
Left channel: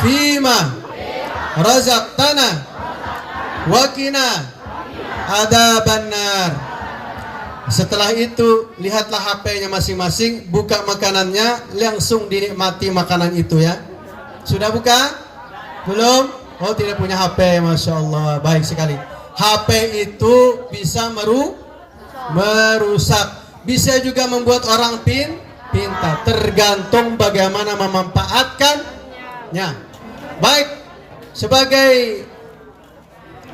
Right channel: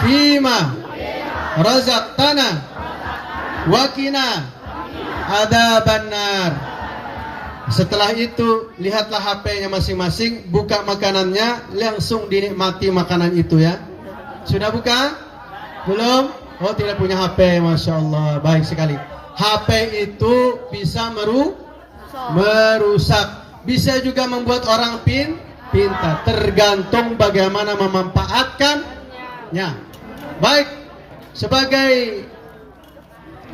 fima razaqtana wakina adzabannar. Setelah itu lihatlah HP-nya masing-masing, buka makanannya, langsung dinikmati makanan itu ya. Sudah buka? Belum? Oh, tidak punya HP, Masya Allah. Baik sekali. HP itu bisa merusak, bisa juga membuat orang pintar, tergantung bagaimana memanfaatkannya. Baik, sebagai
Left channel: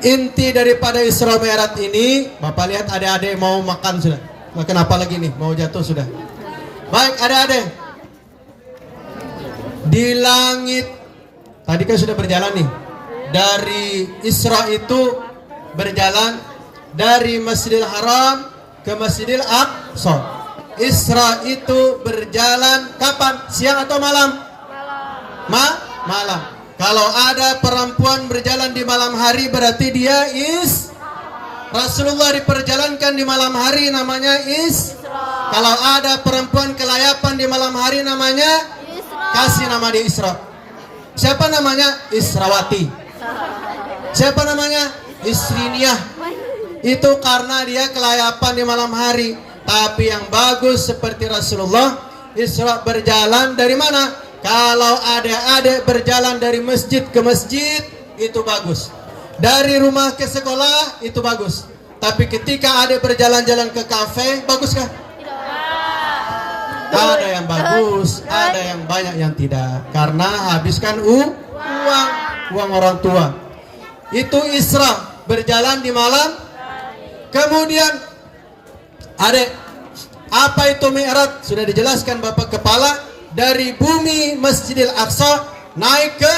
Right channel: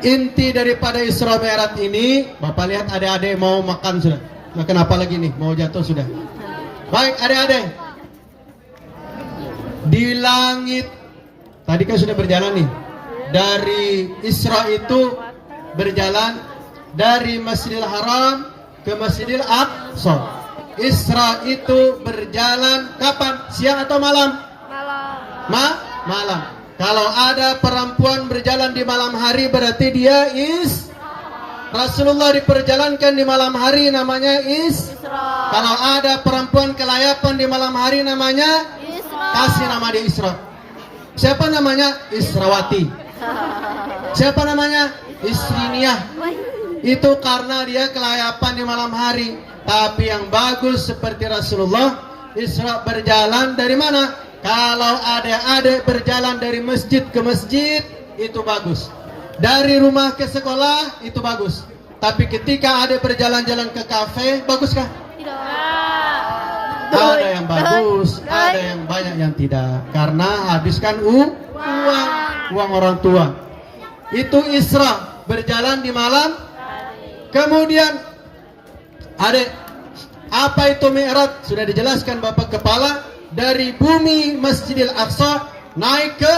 inti daripada Isra Mi'raj ini, Bapak lihat adik-adik mau makan sudah. Makan apa lagi nih? Mau jatuh sudah. Baik adik-adik, di langit tadi kan sudah berjalan nih. Dari Isra itu berjalan dari Masjidil Haram ke Masjidil Aqsa. Isra itu berjalan kapan? Siang atau malam? Malam. Kalau ada perempuan berjalan di malam hari berarti dia Rasulullah diperjalankan di malam hari namanya Kalau ada perempuan kelayapan di malam hari namanya kasih nama dia Isra. Siapa namanya? Israwati. Siapa namanya? Isriniyah. Itu karena dia kelayapan di malam hari. Tapi yang bagus seperti Rasulullah Isra berjalan dari mana? Kalau adik-adik berjalan dari masjid ke masjid itu bagus. Dari rumah ke sekolah itu bagus. Tapi ketika adik berjalan-jalan ke kafe, baguskah? Ada yang bagus, ada yang banyak yang tidak. Karena habiskan uang orang tua. Itu Isra, berjalan di malam. Kemudian adik, apa itu Mi'raj? Sudah dijelaskan Bapak Kepala. Dari bumi Masjidil Aqsa naik ke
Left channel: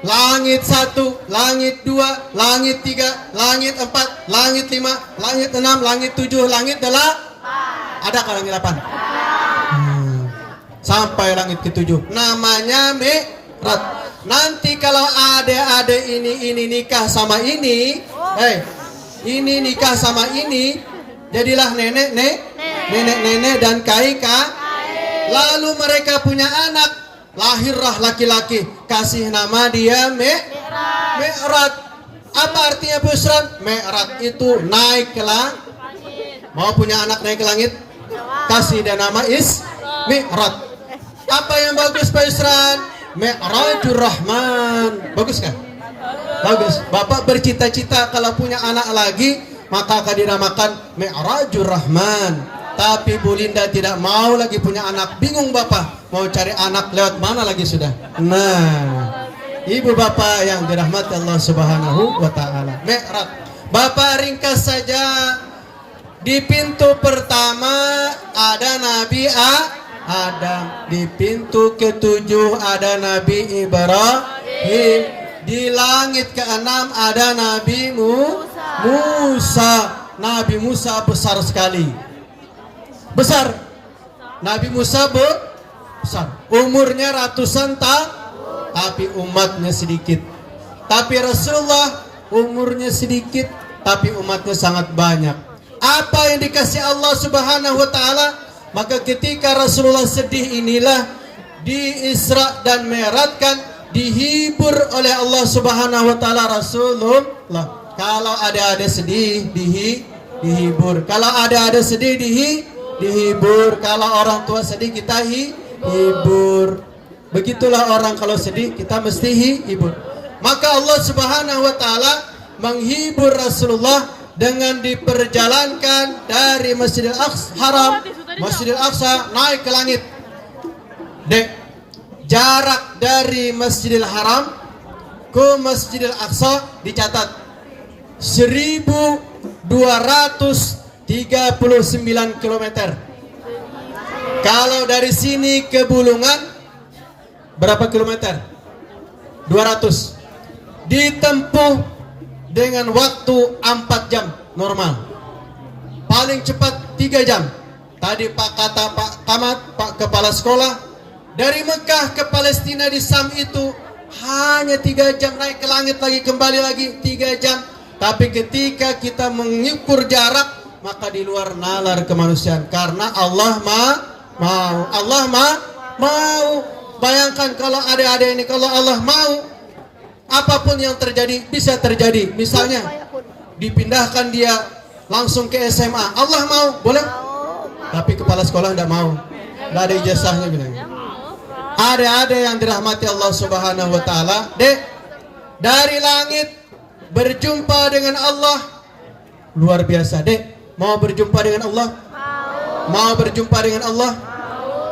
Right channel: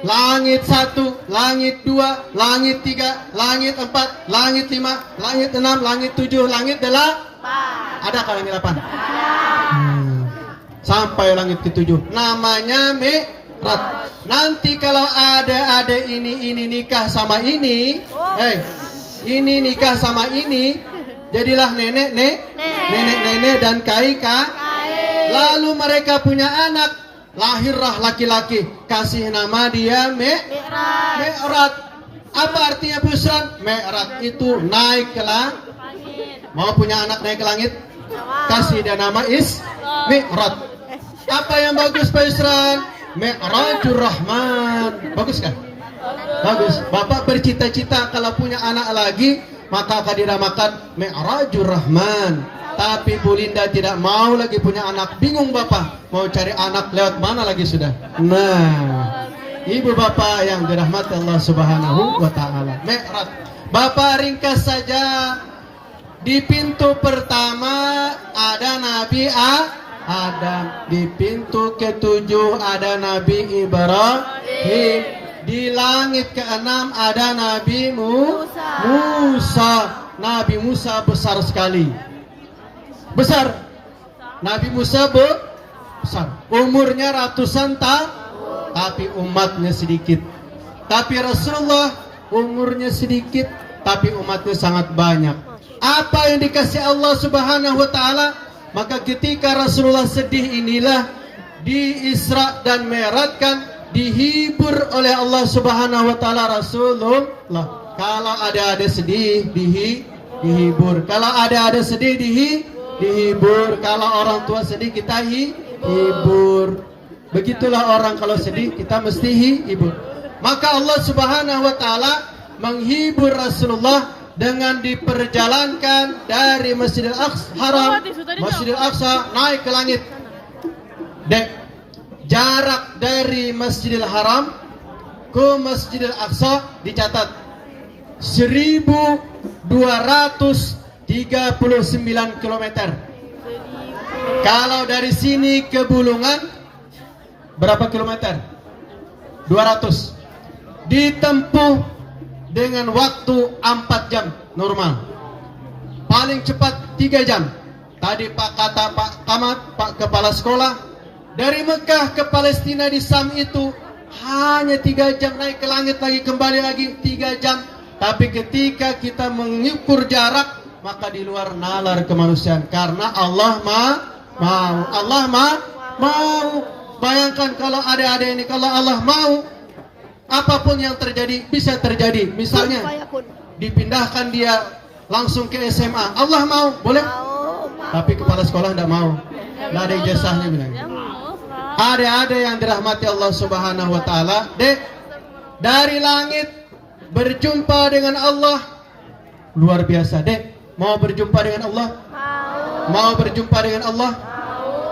langit 1, langit 2, langit 3, langit 4, langit 5, langit 6, langit 7, langit 8. Ada ke langit 8? Sampai langit ke-7. Namanya Mi'raj. Nanti kalau adik-adik ini nikah sama ini, ini nikah sama ini, jadilah nenek dan kakak. Lalu mereka punya anak, lahirlah laki-laki, kasih nama dia Mi'raj. Apa artinya Pusran? Mi'raj itu naik ke langit. Mau punya anak naik ke langit? Kasih dia nama Mi'raj. Apa yang bagus Pusran? Mi'rajur Rahman. Bagus kan? Bagus. Bapak bercita-cita kalau punya anak lagi, maka akan dinamakan Mi'rajur Rahman. Tapi Bu Linda tidak mau lagi punya anak. Bingung Bapak, mau cari anak lewat mana lagi sudah. Nah, Ibu Bapak yang dirahmati Allah Subhanahu wa Ta'ala. Mi'raj. Bapak ringkas saja. Di pintu pertama ada Nabi Adam. Di pintu ke-7 ada Nabi Ibrahim. Di langit ke-6 ada Nabi Musa. Nabi Musa besar sekali. Besar. Nabi Musa besar. Umurnya ratusan tahun, tapi umatnya sedikit. Tapi Rasulullah umurnya sedikit, tapi umatnya sangat banyak. Apa yang dikasih Allah Subhanahu wa Ta'ala? Maka ketika Rasulullah sedih inilah di Isra dan Mi'rajkan, dihibur oleh Allah Subhanahu wa Ta'ala Rasulullah. Kalau ada sedih dihibur. Kalau ada sedih dihibur. Kalau orang tua sedih kita hibur. Begitulah orang kalau sedih kita mesti hibur. Maka Allah Subhanahu wa Ta'ala menghibur Rasulullah dengan diperjalankan dari Masjidil Aqsa Haram, Masjidil Aqsa naik ke langit. Jarak dari Masjidil Haram ke Masjidil Aqsa dicatat 1239 km. Kalau dari sini ke Bulungan berapa kilometer? 200. Ditempuh dengan waktu 4 jam normal. Paling cepat 3 jam. Tadi Pak kata Pak Kamat, Pak Kepala Sekolah, dari Mekah ke Palestina di Sam itu hanya 3 jam, naik ke langit lagi, kembali lagi 3 jam. Tapi ketika kita mengukur jarak, maka di luar nalar kemanusiaan. Karena Allah mau. Allah mau. Bayangkan kalau adik-adik ini, kalau Allah mau, apapun yang terjadi bisa terjadi. Misalnya dipindahkan dia langsung ke SMA, Allah mau, boleh? Tapi kepala sekolah tidak mau. Tidak ada ijazahnya bilangnya. Adik-adik yang dirahmati Allah Subhanahu wa Ta'ala, dari langit berjumpa dengan Allah luar biasa. Mau berjumpa dengan Allah? Mau berjumpa dengan Allah?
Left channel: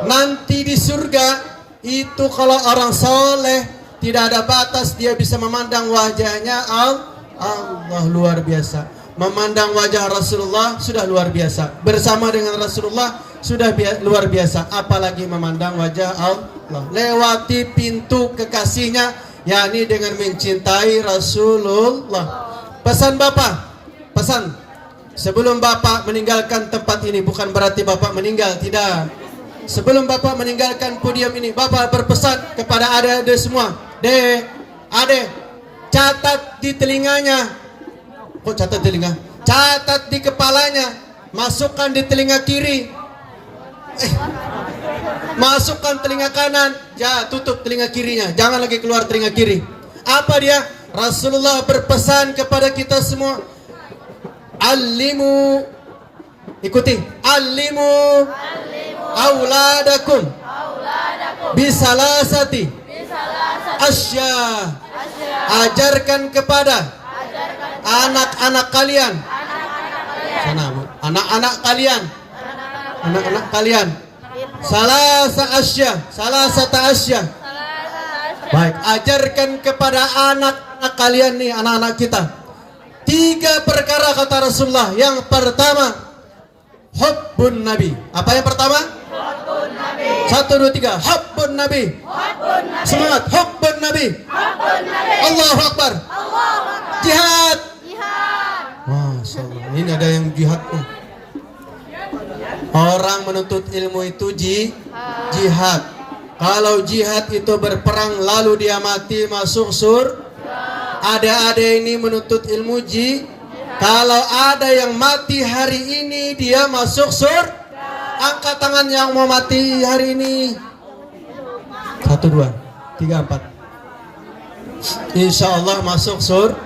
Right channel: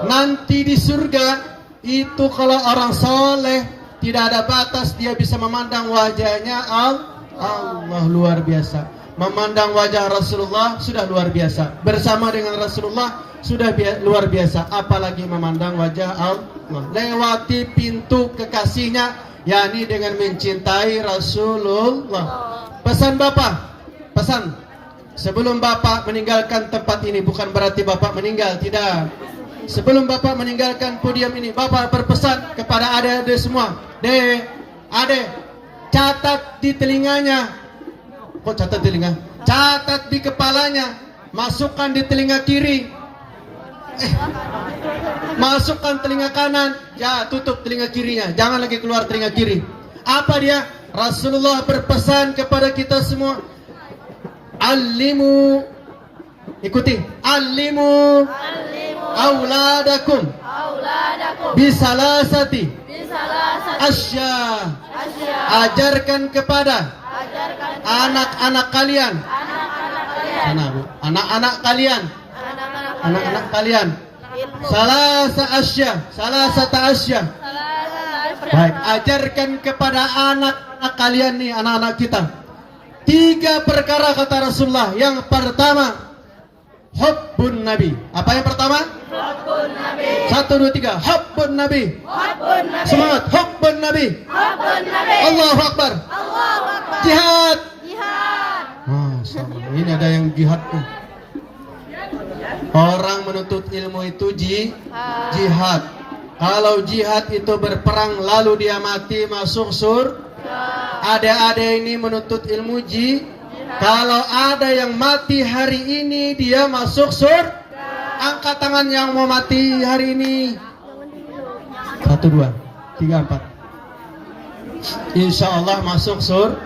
Nanti di surga itu kalau orang soleh tidak ada batas, dia bisa memandang wajahnya Allah luar biasa. Memandang wajah Rasulullah sudah luar biasa. Bersama dengan Rasulullah sudah luar biasa. Apalagi memandang wajah Allah. Lewati pintu kekasihnya, yakni dengan mencintai Rasulullah. Pesan Bapak, pesan. Sebelum Bapak meninggalkan tempat ini, bukan berarti Bapak meninggal, tidak. Sebelum Bapak meninggalkan podium ini, Bapak berpesan kepada adik-adik semua, Ade, catat di telinganya. Kok catat telinga? Catat di kepalanya. Masukkan di telinga kiri. Masukkan telinga kanan. Ya, tutup telinga kirinya. Jangan lagi keluar telinga kiri. Apa dia? Rasulullah berpesan kepada kita semua. Alimu, ikuti. Alimu auladakum bisalasati asya. Ajarkan kepada anak-anak kalian. Anak-anak kalian. Salasata asya. Baik, ajarkan kepada anak-anak kalian nih, anak-anak kita. 3 perkara kata Rasulullah. Yang pertama, hubbun Nabi. Apa yang pertama? Hubbun Nabi. 1, 2, 3. Hubbun Nabi. Semangat. Hubbun Nabi. Allahu Akbar. Jihad. Masya Allah. Ini ada yang jihad nih. Orang menuntut ilmu itu jihad. Kalau jihad itu berperang lalu dia mati masuk surga. Ada ini menuntut ilmu kalau ada yang mati hari ini dia masuk surga. Angkat tangan yang mau mati hari ini. 1, 2, 3, 4. Insya Allah masuk surga.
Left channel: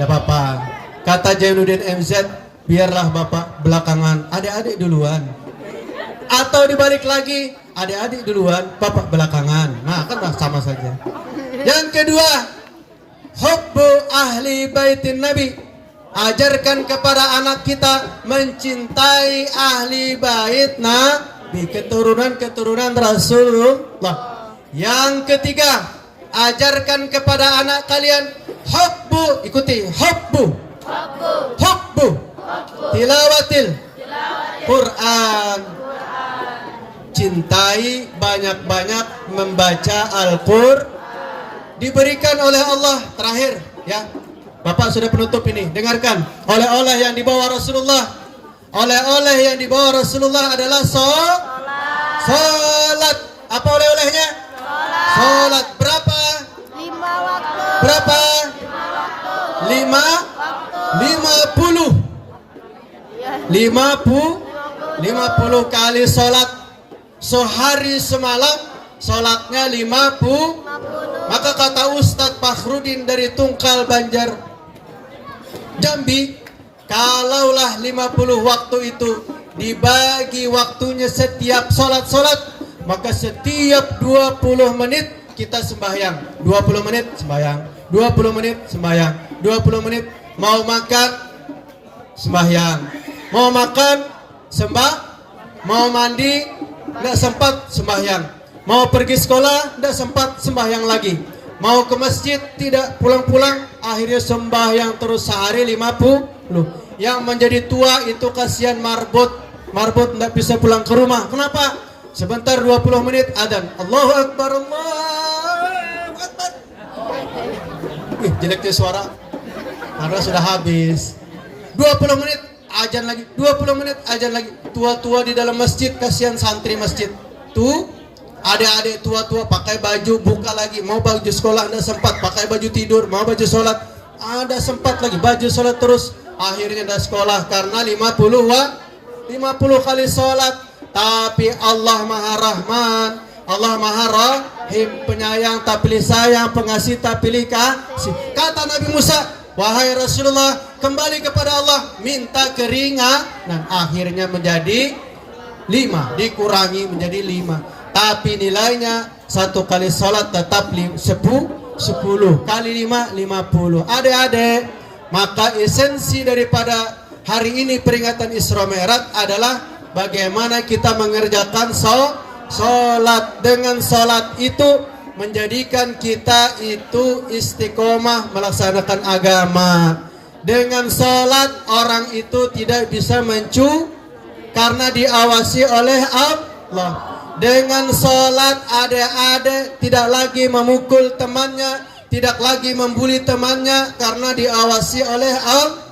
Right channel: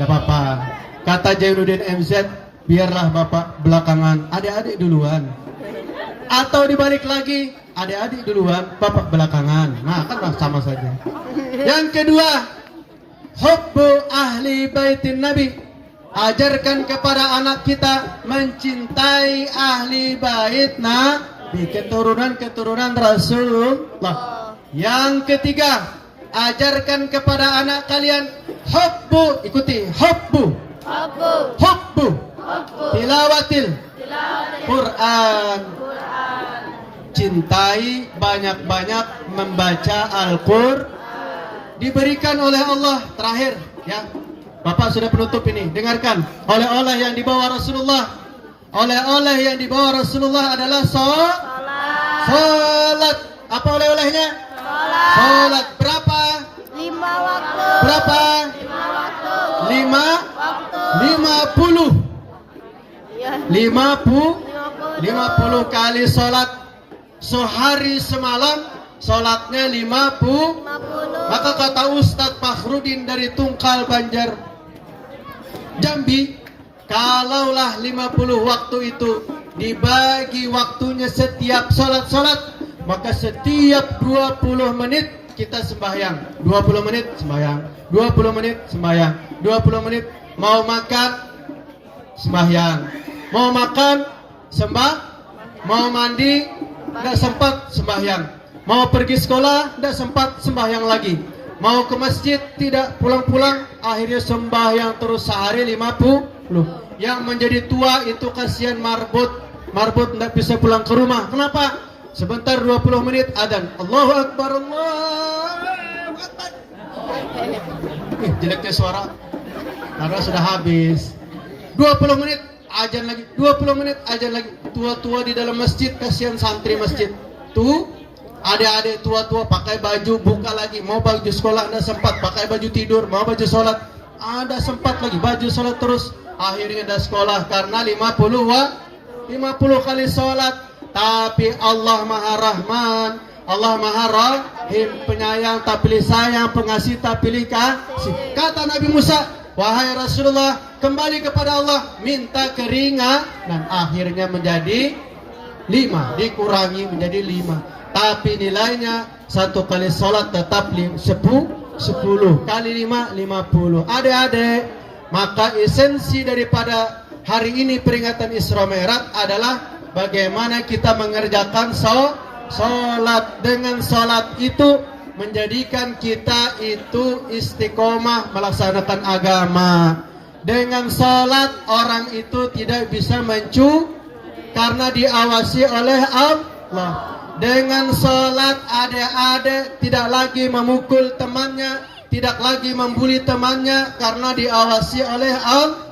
Gak apa-apa. Kata Jainuddin MZ, biarlah bapak belakangan, adik-adik duluan. Atau dibalik lagi, adik-adik duluan, bapak belakangan. Nah, kan sama saja. Yang kedua, hubbu ahli baitin Nabi. Ajarkan kepada anak kita mencintai ahli bait Nabi, keturunan Rasulullah. Yang ketiga, ajarkan kepada anak kalian hubbu, ikuti, hubbu tilawatil Quran. Cintai banyak-banyak membaca Al-Qur'an. Diberikan oleh Allah, terakhir ya. Bapak sudah penutup ini. Dengarkan. Oleh-oleh yang dibawa Rasulullah. Oleh-oleh yang dibawa Rasulullah adalah salat. Apa oleh-olehnya? Salat. Berapa? 5 waktu. Berapa? 50 kali salat sehari semalam. Salatnya 50. Maka kata Ustadz Fakhrudin dari Tungkal Banjar Jambi, kalaulah 50 waktu itu dibagi waktunya setiap sholat, maka setiap 20 menit kita sembahyang. 20 menit sembahyang, 20 menit sembahyang, 20 menit. Mau makan sembahyang, mau makan mau mandi tidak sempat sembahyang, mau pergi sekolah tidak sempat sembahyang lagi, mau ke masjid tidak pulang-pulang, akhirnya sembahyang terus sehari 50. Yang menjadi tua itu kasihan marbot tidak bisa pulang ke rumah. Kenapa? Sebentar 20 menit adzan, Allahu Akbar, Allahu Akbar. Jeleknya suara karena sudah habis. 20 menit adzan lagi, 20 menit adzan lagi. Tua-tua di dalam masjid, kasihan santri masjid. Tuh adik-adik tua-tua pakai baju buka lagi, mau baju sekolah ada sempat, pakai baju tidur, mau baju sholat ada sempat lagi, baju sholat terus. Akhirnya ada sekolah karena 50 kali sholat. Tapi Allah Maha Rahman, Allah Maha Rahim, penyayang tak pilih sayang, pengasih tak pilih kasih. Kata Nabi Musa, wahai Rasulullah, kembali kepada Allah, minta keringat. Dan akhirnya menjadi 5, dikurangi menjadi 5. Tapi nilainya 1 kali sholat tetap 10 kali 5, 50. Adik-adik, maka esensi daripada hari ini peringatan Isra Mi'raj adalah bagaimana kita mengerjakan sholat. Dengan sholat itu menjadikan kita itu istiqomah melaksanakan agama. Dengan sholat orang itu tidak bisa karena diawasi oleh Allah. Dengan sholat adik-adik tidak lagi memukul temannya, tidak lagi membuli temannya karena diawasi oleh Allah.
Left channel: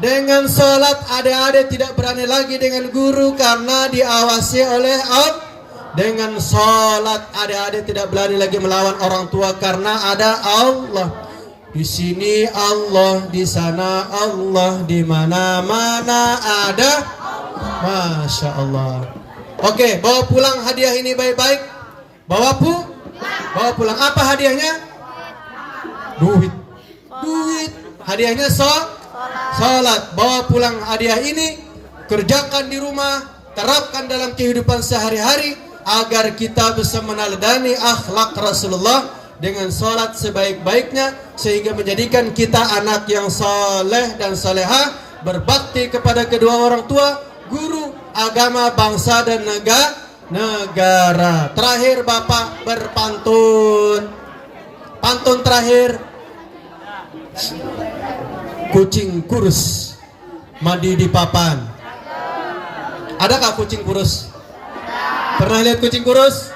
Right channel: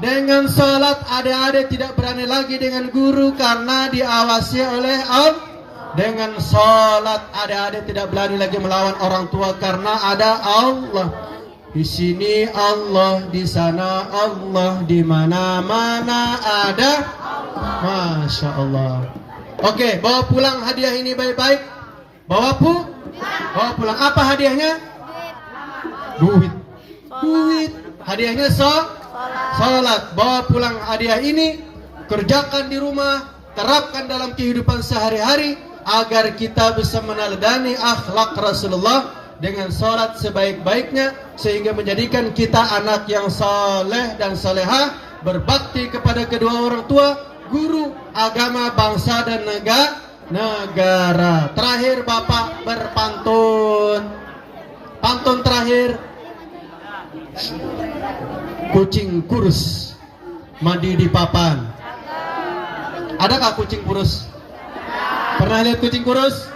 Dengan sholat adik-adik tidak berani lagi dengan guru karena diawasi oleh Dengan sholat adik-adik tidak berani lagi melawan orang tua karena ada Allah. Di sini Allah, di sana Allah, di mana-mana ada. Masya Allah. Oke, bawa pulang hadiah ini baik-baik. Bawa pulang. Apa hadiahnya? Duit. Hadiahnya sholat. Bawa pulang hadiah ini, kerjakan di rumah, terapkan dalam kehidupan sehari-hari agar kita bisa meneladani akhlak Rasulullah dengan sholat sebaik-baiknya, sehingga menjadikan kita anak yang saleh dan salehah, berbakti kepada kedua orang tua, guru, agama, bangsa dan negara. Terakhir Bapak berpantun. Pantun terakhir. Kucing kurus mandi di papan. Adakah kucing kurus? Pernah lihat kucing kurus?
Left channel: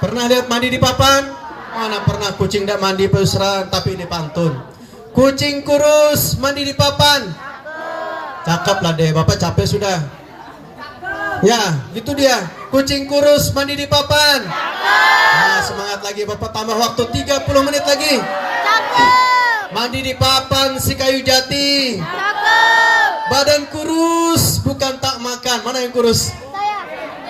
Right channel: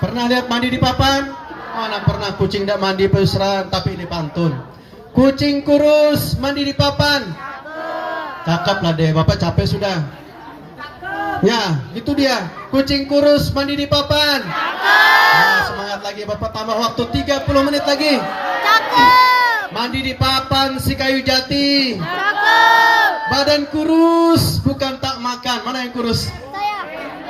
Pernah lihat mandi di papan? Mana pernah kucing tidak mandi Pak Yusran, tapi ini pantun. Kucing kurus mandi di papan. Cakep lah deh, Bapak capek sudah. Ya, itu dia. Kucing kurus mandi di papan. Nah, semangat lagi Bapak, tambah waktu 30 menit lagi. Mandi di papan si kayu jati. Badan kurus bukan tak makan. Mana yang kurus?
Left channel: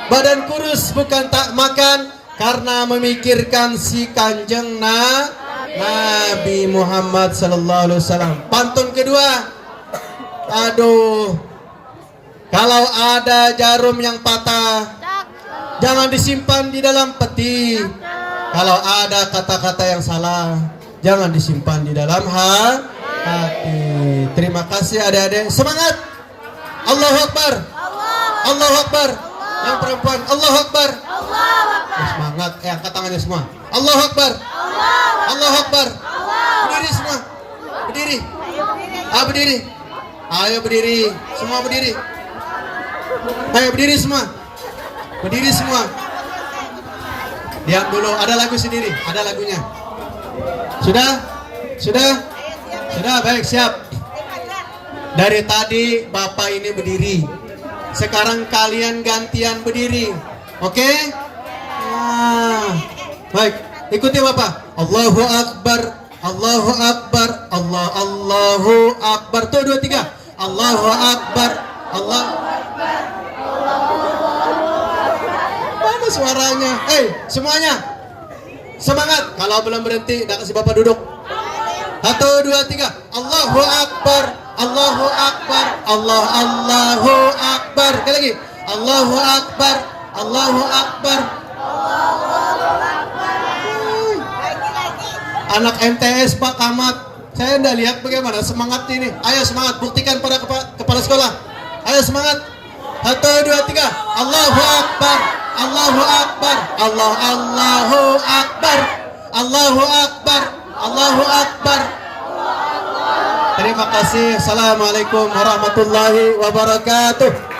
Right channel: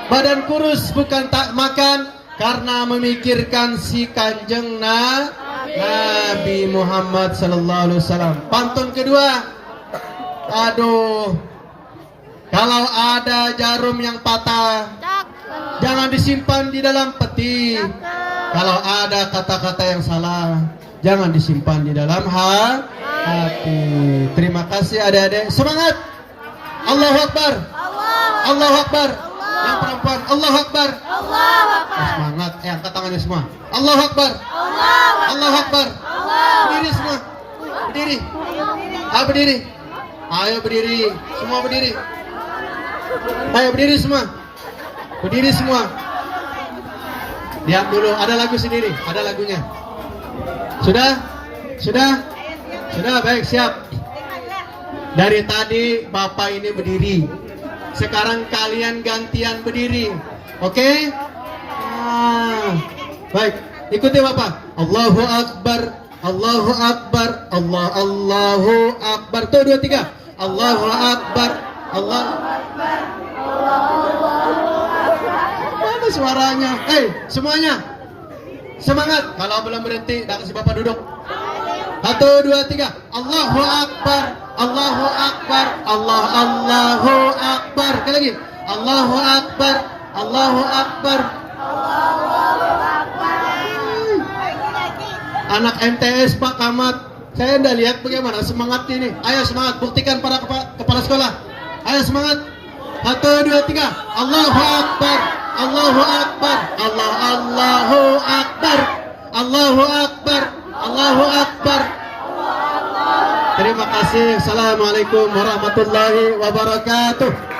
Badan kurus bukan tak makan karena memikirkan si kanjeng Nabi Muhammad sallallahu alaihi wasallam. Pantun kedua. Aduh. Kalau ada jarum yang patah, jangan disimpan di dalam peti. Kalau ada kata-kata yang salah, jangan disimpan di dalam hati. Terima kasih adik-adik. Semangat. Allahu Akbar. Allahu Akbar. Yang perempuan, Allahu Akbar. Semangat. Angkat tangannya semua. Allahu Akbar. Allahu Akbar. Berdiri semua. Berdiri. Berdiri. Ayo berdiri. Semua berdiri. Ayo berdiri semua. Berdiri semua. Lihat dulu, ada lagu sendiri, ada lagunya. Sudah? Baik, siap. Dari tadi Bapak ini berdiri. Sekarang kalian gantian berdiri. Oke? Baik, ikuti Bapak. Allahu Akbar, Allahu Akbar, Allahu Akbar. Tuh, 2, 3. Allahu Akbar, Allahu Akbar. Mana suaranya? Semuanya semangat. Kalau belum berhenti, dah kasih Bapak duduk. 1, 2, 3. Allahu Akbar, Allahu Akbar, Allahu Akbar. Sekali lagi. Allahu Akbar, Allahu Akbar. Anak MTS Pak Kamat, saya anda lihat bagaimana semangat ini. Ayo semangat, buktikan pada kepala sekolah. Ayo semangat. 1, 2, 3. Allahu Akbar, Allahu Akbar, Allahu Akbar, Allahu Akbar, Allahu Akbar. Terima kasih. Assalamualaikum warahmatullahi wabarakatuh.